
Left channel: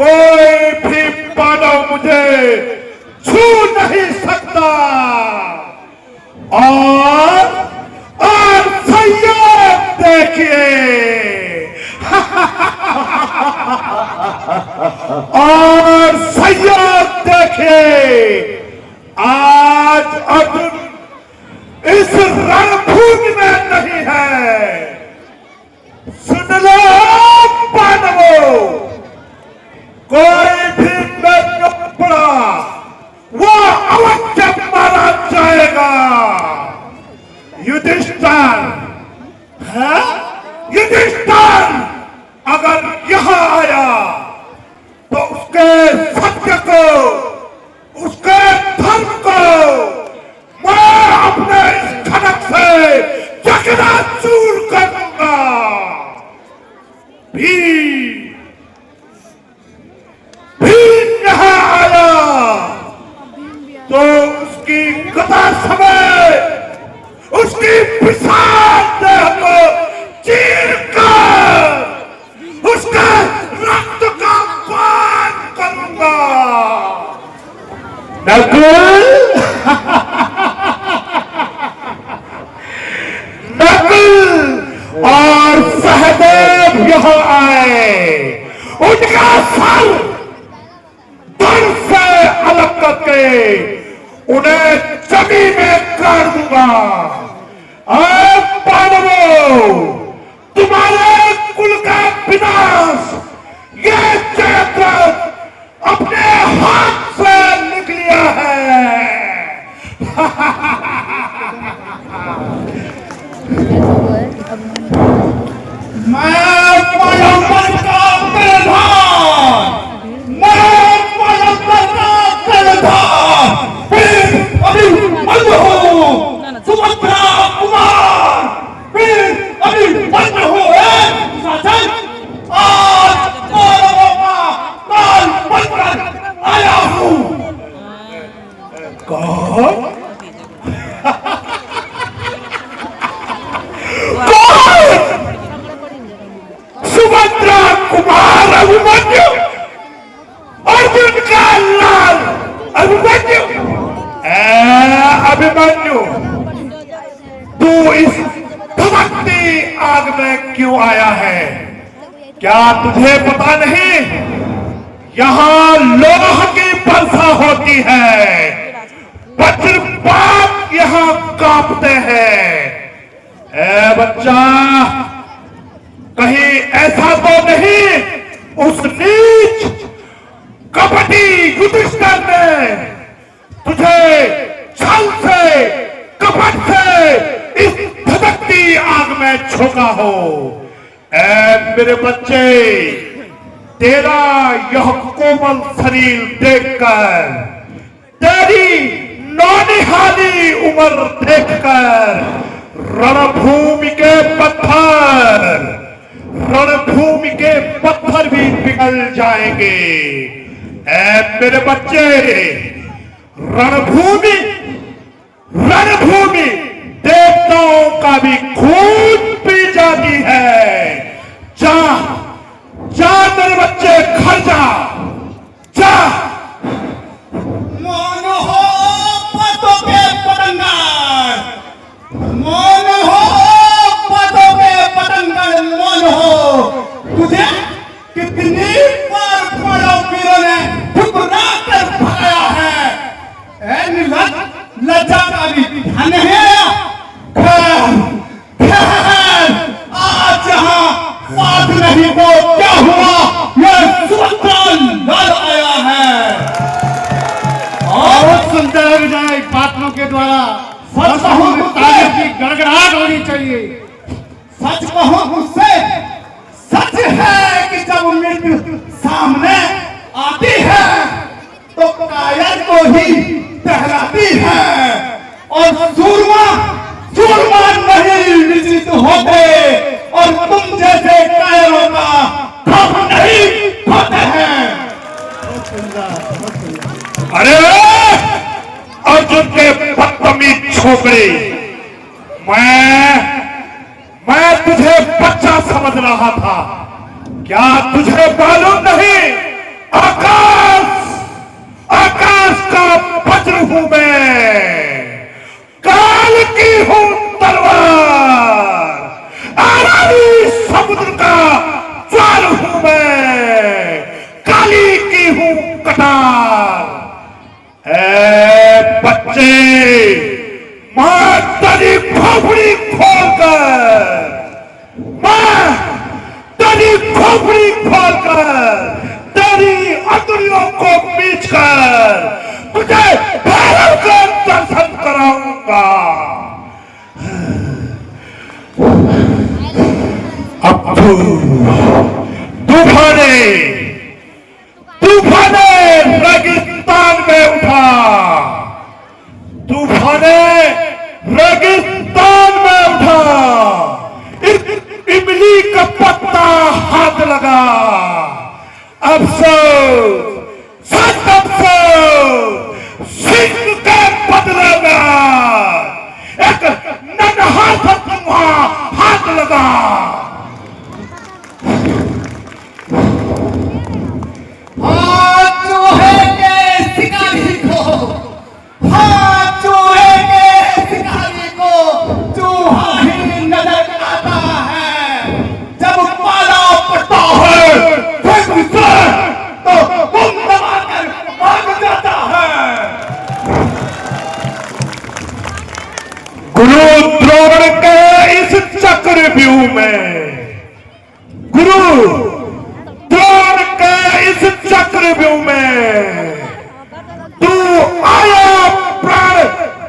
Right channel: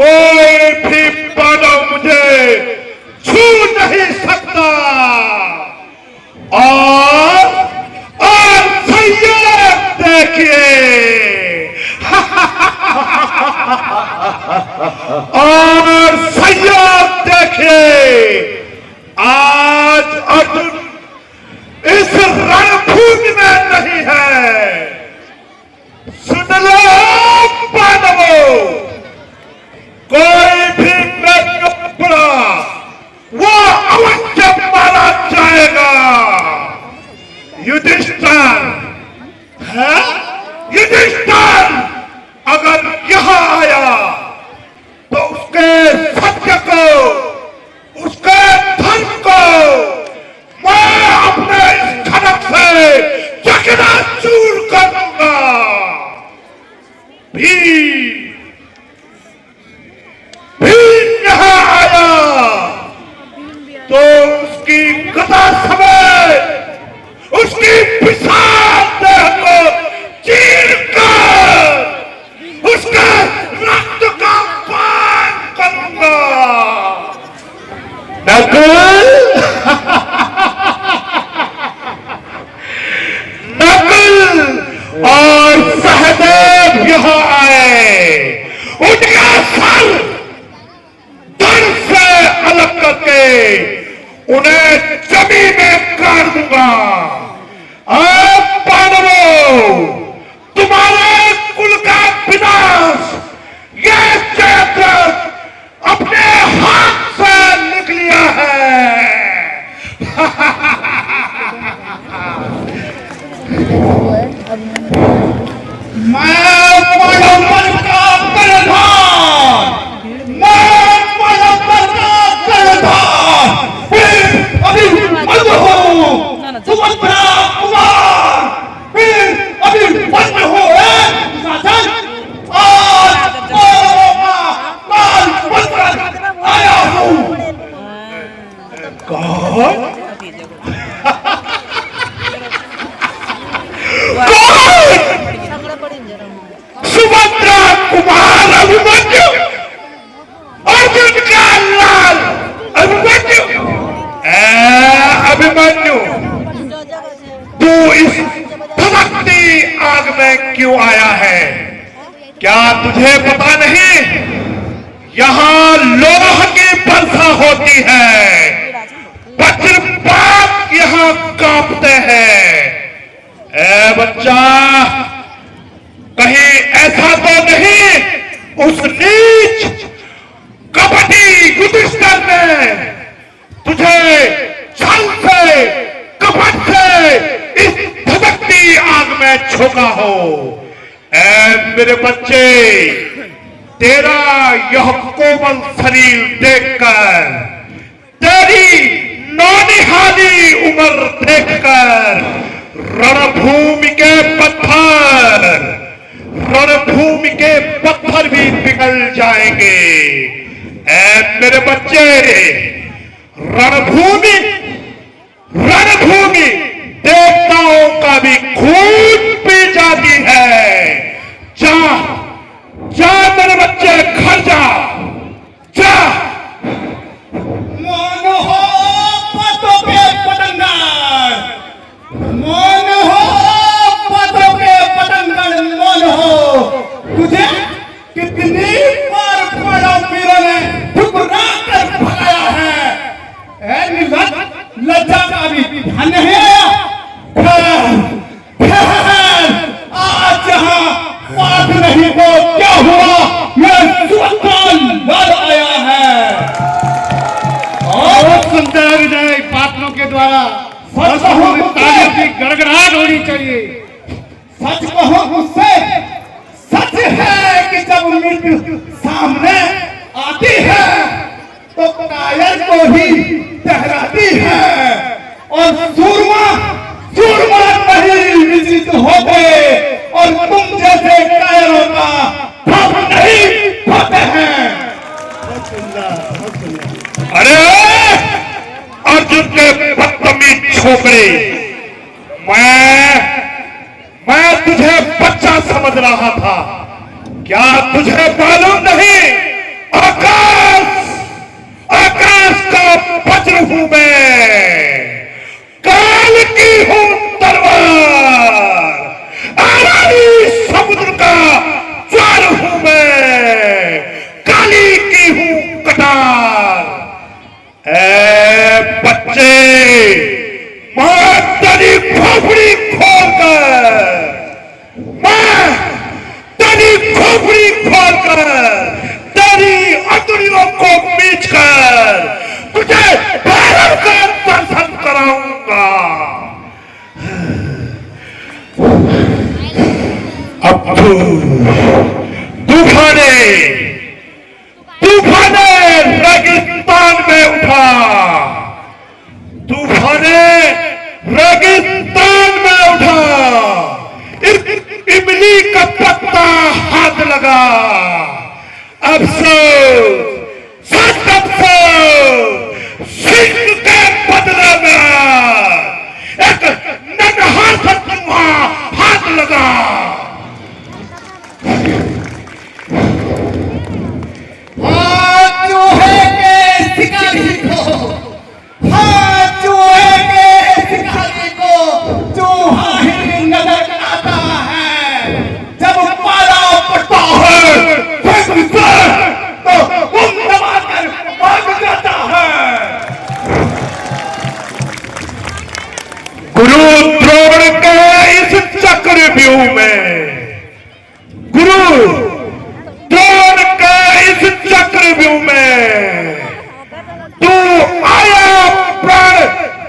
कोई भी मानव मुझे छू नहीं सकता। और सैयद देखिए और सैयद देखिए, आज अर्जुन इस रणभूमि में नहीं है। सुन लो मानवों, कोई भी मेरा वो अवश्य मारा जाएगा। युधिष्ठिर है, युधिष्ठिर अगर यहाँ आया तो उसके सत्य को, उसके धर्म को मैं अपने इस खड़क से चकनाचूर कर दूंगा। भीम यहाँ आया तो उसकी गदा समेत उसकी विशाल देह को चीरकर उसका रक्त का पान करूंगा। नकुल नकुल और सहदेव यहाँ आए, उनका सर धड़ से अलग करके उन्हें जमीन में गाड़ दूंगा। अब पांडवों, तुम्हारे कुल का विनाश ये जयद्रथ अपने हाथ से लिख लिया है। मैं पांडव का प्रधान, मैं पांडव का प्रधान अभिमन्यु हूँ, सुभद्रा कुमार फिर अभिमन्यु हूँ। आज पांडवों का काल बनकर आया हूँ। कौन? सुभद्रा कुमार अभिमन्यु, अर्जुन का लाल अभिमन्यु। अभिमन्यु, तू इस भक्ति आग में क्यों आया है? क्या तुझे पता नहीं यहाँ लोह की वर्षा होती है, वज्रपात यहाँ कांपते हैं। ए बच्चा, कहीं ऐसा तो नहीं उस नीच कपटी युधिष्ठिर ने तुझे छल से, कपट से इस धधकती आग में झोंका हो? ऐ मेरे बच्चे, तेरा यह कोमल शरीर देखकर, तेरी नौनिहाली उम्र देखकर रणभूमि के पत्थर भी पिघल जाएंगे। ऐ मेरे बच्चे, रणभूमि देवताओं का भी खून पी जाती है। जा जा मेरे बच्चे, घर जा जा। मौन हो बातों पे पतंगर, मौन हो बातों पे पतंगर, मौन हो। तुझे कितनी बार पांडव वीरों ने ठुकरा कर भगाया है। ऐ निर्लज्ज, लज्जा का भी ध्यान है। आज यहाँ बात नहीं तो क्या हुआ, यह सुभद्रा लड़ आया है। और सुनते हैं विजय पात्रों के द्वारा सच कहूं ताली की गड़गड़ाहट होनी चाहिए। सच कहूं मुझसे, सच है कि जब मृत्यु सामने आती है तो कायल को ही टहराती है, और सूरमा नहीं विजित होते, और तुम जैसे कायरों का खप नहीं होते हैं। अरे अर्जुन के बदतमीज छोकरे, मैं तुझे बच्चा समझ रहा था। क्या तुझे मालूम नहीं हूं मैं, काल की हूं तलवार, अरबी समुद्र का ज्वार हूं मैं, काली की हूं कटार। ए बच्चे, मैं तेरी खोपड़ी खोलकर, मैं तेरी खोपड़ी खोलकर, तेरी अंगुलियों को बीचकर तुझे भैरव का दर्शन कराऊंगा। अब तूफाने रेगिस्तान में उठा, तूफाने रेगिस्तान में उठा, इमली का पत्ता हाथ लगा। अफसोस, सच अफसोस, सिंह के बदले में एक नन्हा सा चूहा हाथ लगा। हाँ चूहे के शिकारी को, हाँ चूहे के शिकारी को चूहा ही नजर आता है। जब पाला पड़ता है तो उन दबाकर भाग जाता है। गुरु द्रोण के इस चक्रव्यूह में, गुरु द्रोण के इस चक्रव्यूह में तू आया प्राण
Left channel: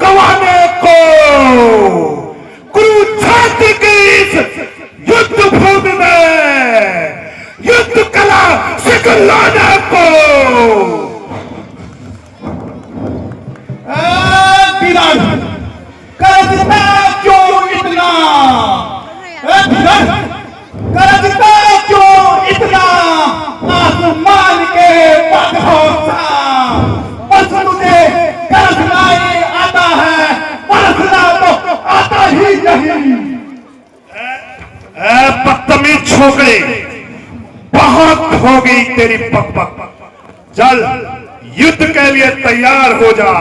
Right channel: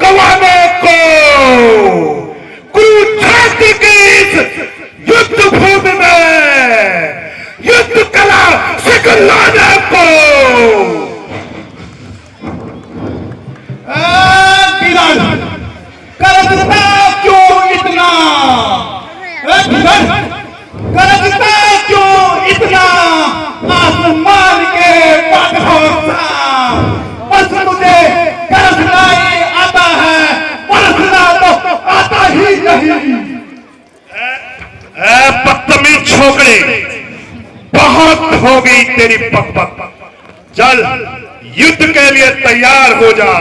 गंवाने को, कुरुक्षेत्र के इस युद्ध भूमि में युद्ध कला सिखलाने को। करजता क्यों इतना, करजता क्यों इतना, आसमान के बादलों सा। बस मुझे करजना ही आता है, बरसना तो आता ही नहीं। बदतमीज छोकरे, बहुत हो गई तेरी पकपक। चल युद्ध के लिए तैयार हो जा।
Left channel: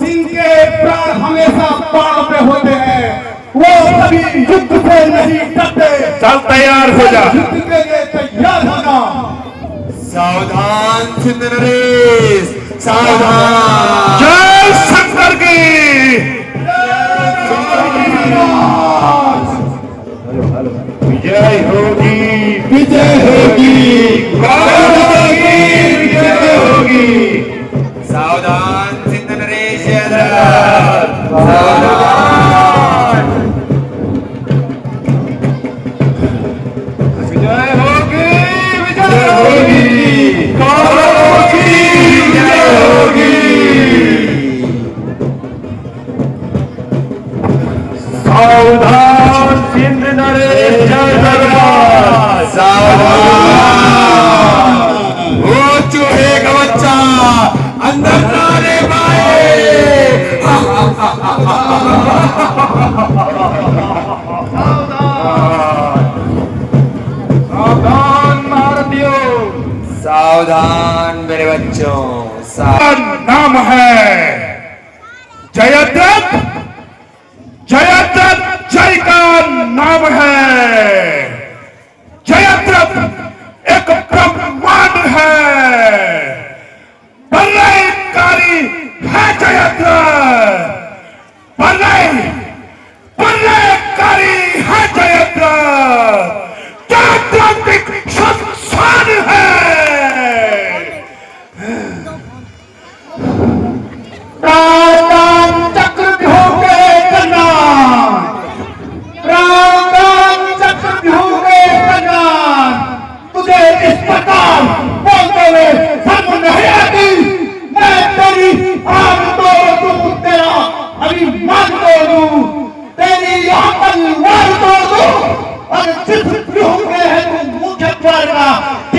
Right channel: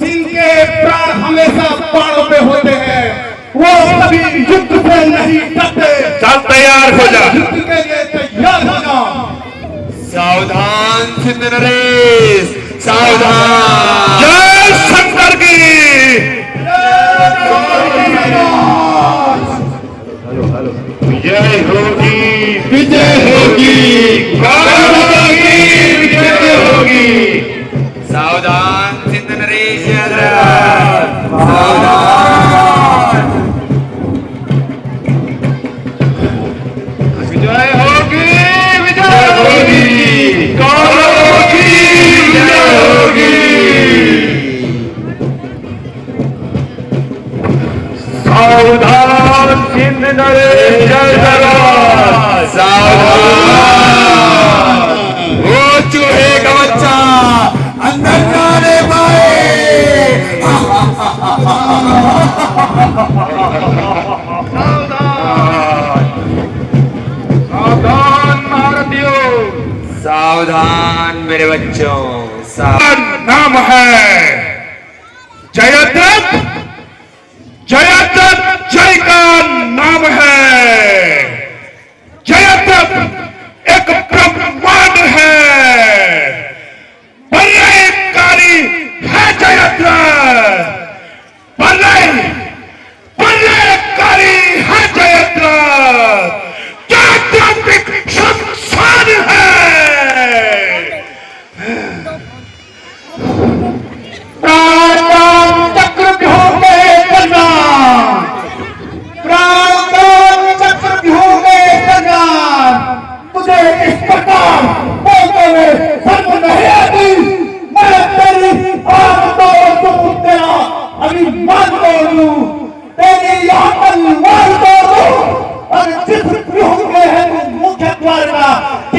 जिनके प्राण हमेशा बाणों पे होते हैं वो कभी युद्ध से नहीं डरते। चल तैयार हो जा। युद्ध के लिए तैयार हो जा। सावधान सिंध नरेश, सावधान। जय शंकर की। विजय होगी, विजय होगी, विजय होगी। सावधान सिंध नरेश, सावधान। विजय होगी, विजय होगी, विजय होगी। सावधान सिंध नरेश, सावधान। वो चूहे का बच्चा अंदर नाले पाए। सावधान भारतीयों, सावधान मेरे बच्चों, नाम है जयद्रथ। जयद्रथ जय का नाम है। जयद्रथ एक ब्रह्मांड है, प्रलयकारी है जयद्रथ, प्रलयकारी है जयद्रथ, जयद्रथ एक शमशान है। प्राण चक्रव्यूह के कल्याण, प्राण चक्रव्यूह के कल्याण। तुझे इस प्रकार बोलते हुए शर्म नहीं आती? मैं तेरी आग तोड़ दूं, तेरा अभिमान तोड़ दूं, तेरी तलवार तोड़ दूं, और जिस व्यूह में है तू मुख्य द्वार का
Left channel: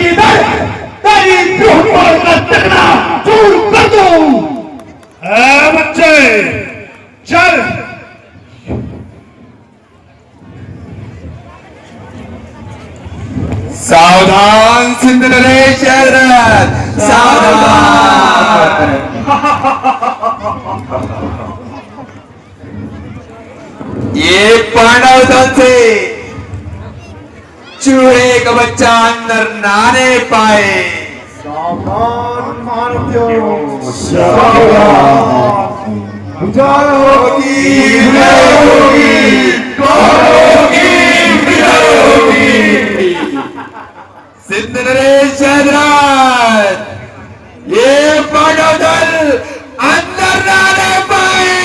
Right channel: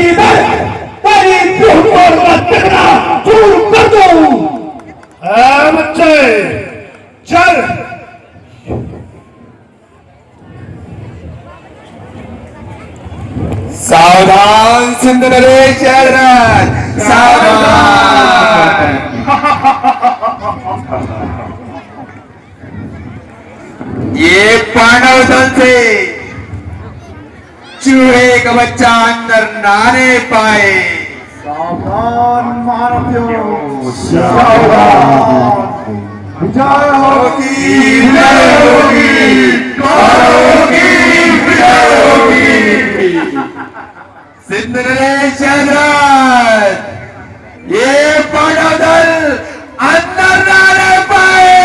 इधर तेरी व्यूह द्वार का टकरा चूर कर दूं। बच्चे चल। सावधान सिंध नरेश, सावधान। ये पांडव दल से चूहे का बच्चा अंदर नाने पाए। सावधान महारथियों, सावधान। विजय होगी, विजय होगी, होगी, विजय होगी। सिंध नरेश हैदराबाद, ये पांडव दल अंदर नाने पाए।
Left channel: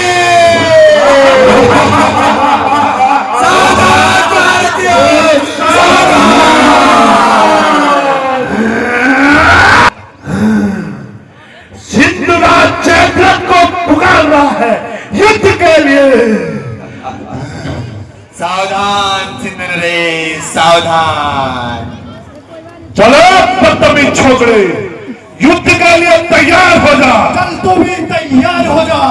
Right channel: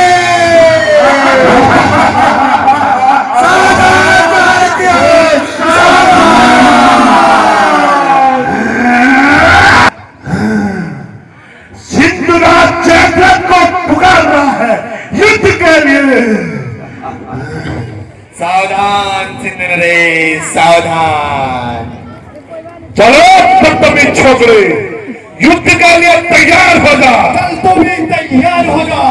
सावधान भारतीयों, सिंधु राज चैंपियन को पुकार रहा है युद्ध के लिए। सावधान सिंध नरेश, सावधान। चलो बदतमीज छोकरे, युद्ध के लिए तैयार हो जा। चल तू भी तैयार हो जा।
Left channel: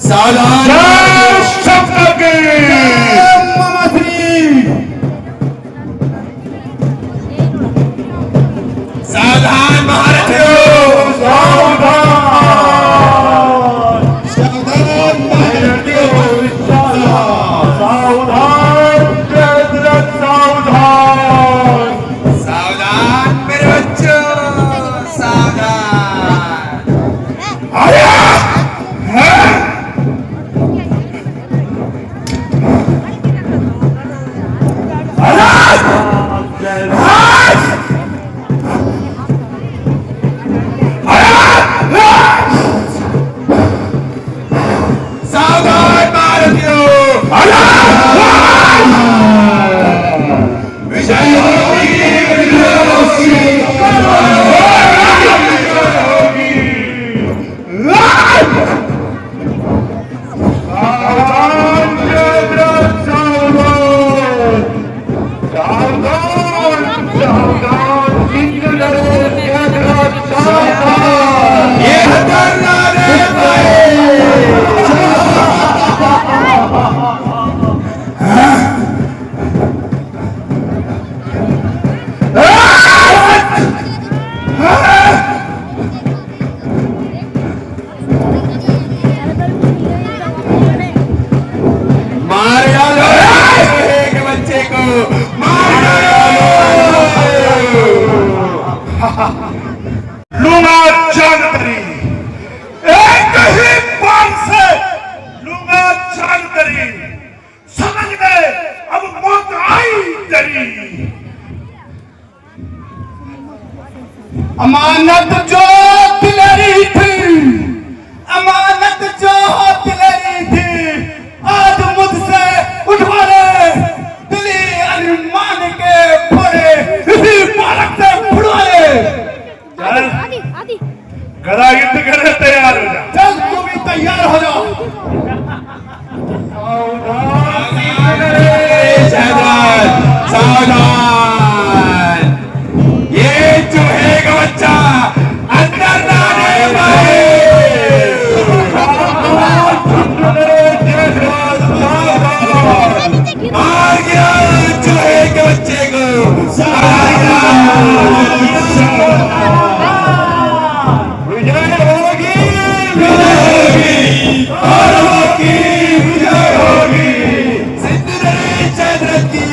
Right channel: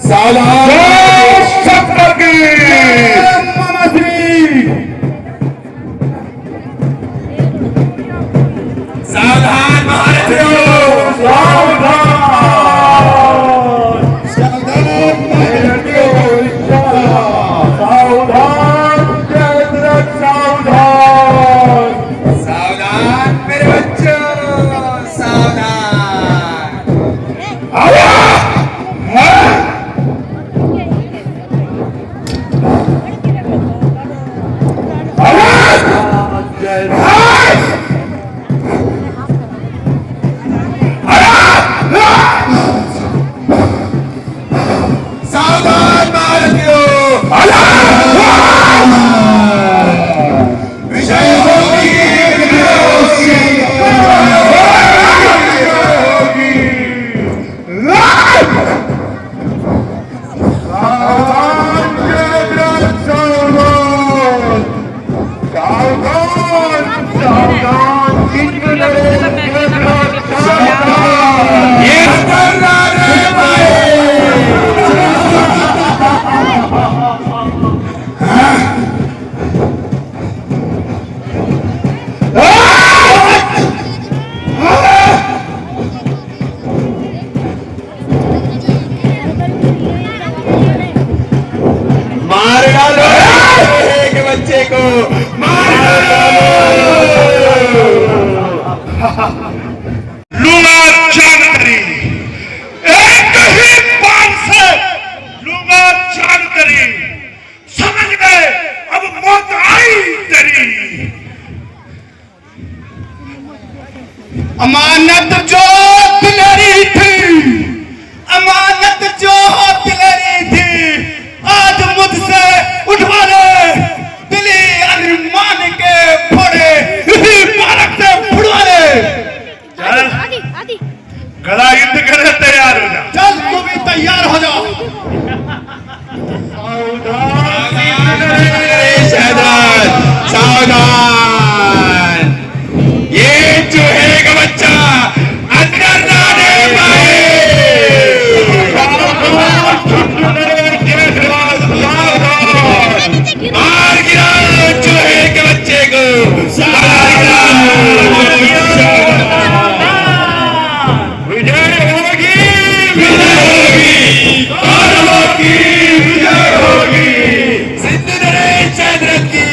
सावधान जय शंकर की। सावधान महारथियों, सावधान मेरे बच्चों, सावधान। सावधान भारतीयों, विजय होगी, विजय ये अंदर नाने पाए। मार डालो एक बच्चे को, मार डालो। लूंगा जानकारी, एक ही बार से लूंगा जानकारी। समझ गए, अब मौत आई तेरी। अमानत जो दिलरी थी, अमानत जो दिलरी थी, आज मुझसे उठवा ले। दिली अरमान के फोड़े इसी मारक से उड़वा ले। गदा युद्ध करने तैयार हो जा। चल तू भी तैयार हो जा। सावधान, ये चूहे का बच्चा अंदर नाने पाए। मार गिरा चूहे के बच्चे को। विजय होगी, विजय होगी, विजय होगी। सिंध नरेश हैदराबाद की।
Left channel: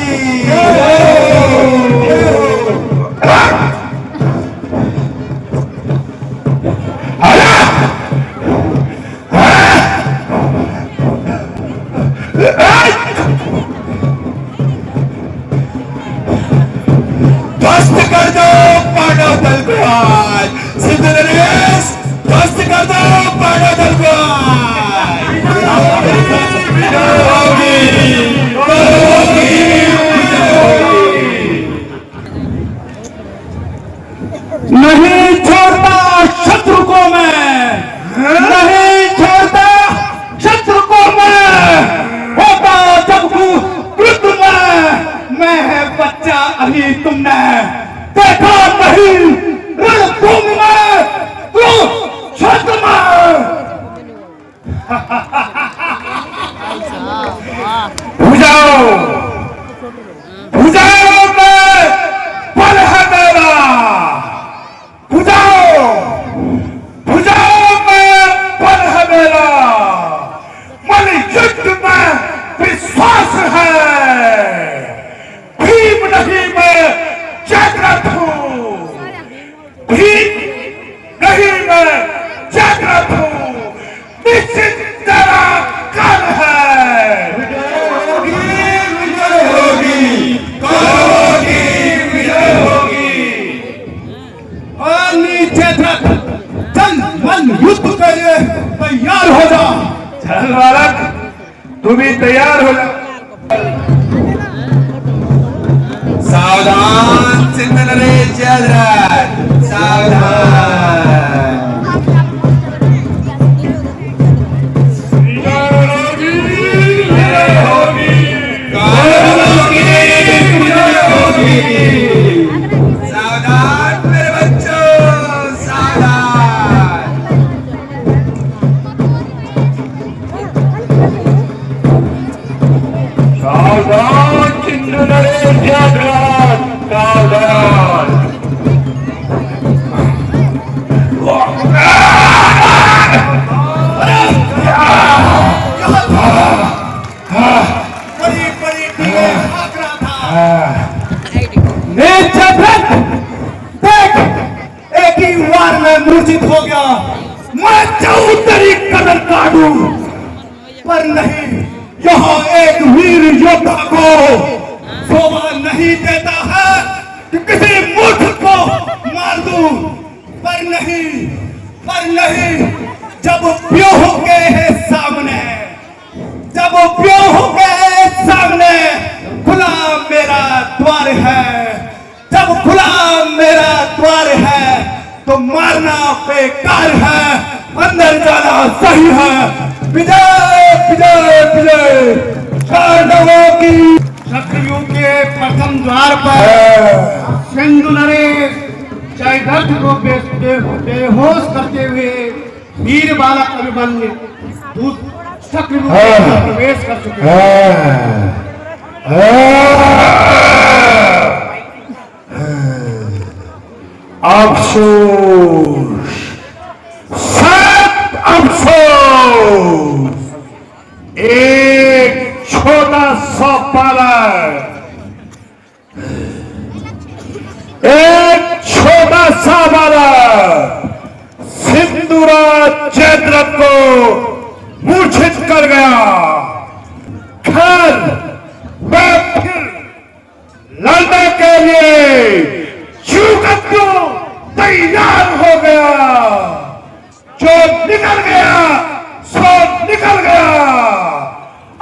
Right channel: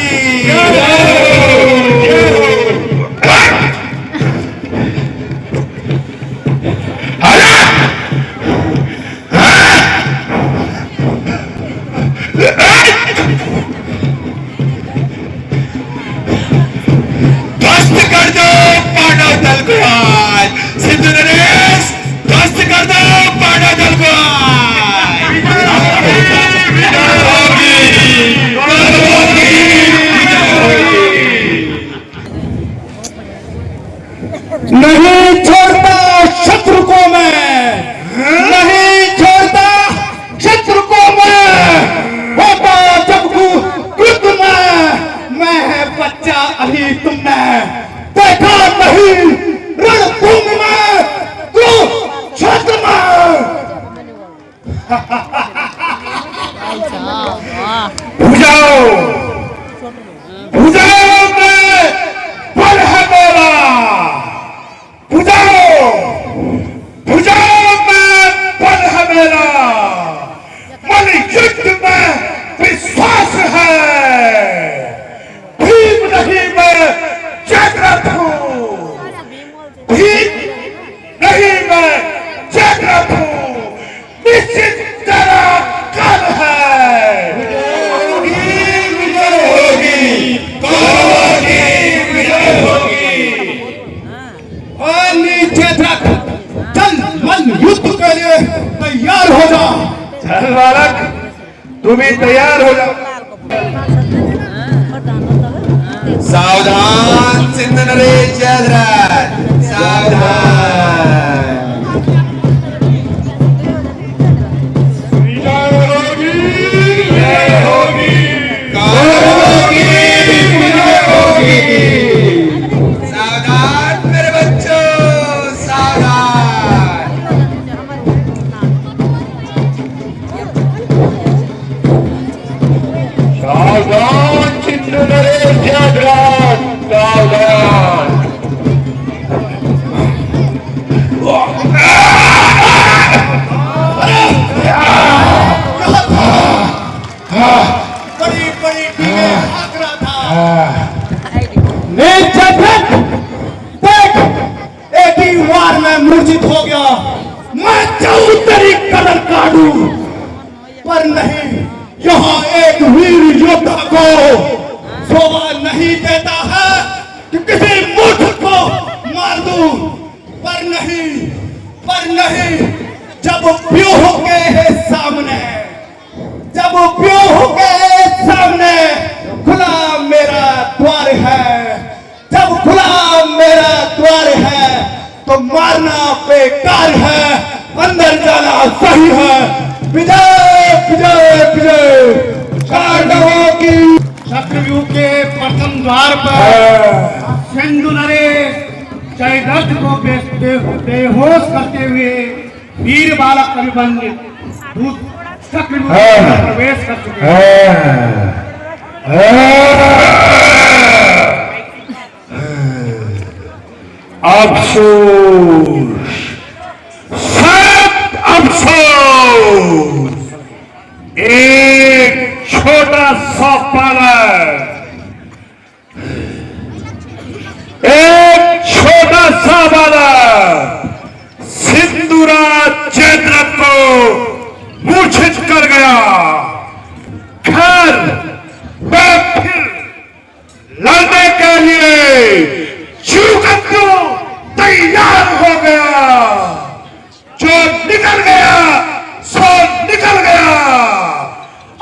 ध्वस्त कर दो पांडव दल को आज। सिंध नरेश ध्वस्त कर दो पांडव दल को आज। नहीं छोड़ता शत्रु को मैं, नहीं छोड़ता शत्रु को मैं। होता जब कृत मैं है बच्चा अभी तुमने देखा नहीं। रणभूमि में कुरुक्षेत्र में भुजाओ, भुजाओ में बल है मेरा। भेद रख, चल मन युद्ध के लिए तैयार हो जा। चल बालक, तू भी तैयार हो जा। सावधान सिंध नरेश जयद्रथ, सावधान। सावधान मेरे बच्चों, सावधान। सावधान सिंध नरेश जयद्रथ, सावधान। बड़ी बड़ी टीमें भाग रहा था। नीचे देख, देख, एक ही वार में मूर्छित हो गया। मैं चाहूं तेरी कदर काटूं, पर नहीं, यहाँ एक वीर योद्धा को शोभा नहीं देता है कि किसी मूर्ख को मार दूं। पर नहीं, जब व्यूह के सामने, जब व्यूह के सामने खुला मेरा द्वार है, जब खुला मेरा द्वार है, तो मारना बेकार है, अंदर जाना सही है। विजय विजय विजय पांडवों की। चक्रव्यूह के प्रथम द्वार पर सिंधु नरेश जयद्रथ को बेहोश करते हुए वीर बालक अभिमन्यु चक्रव्यूह में प्रवेश कर चुके हैं। अफसोस, सख्त अफसोस, एक छोटा सा बालक, एक छोटा सा बालक सिंधुराज जयद्रथ को मूर्छित कर गया। खैर, मैं फिर लड़ने के लिए चूकत्तू तैयार हो गया। जो निकल गया सो निकल गया,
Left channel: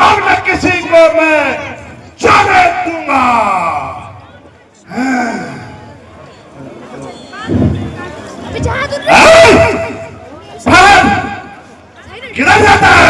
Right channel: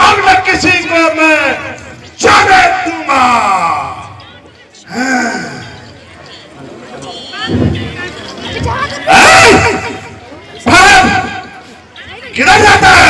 अब न किसी को मैं जाने दूंगा। किधर जाता है?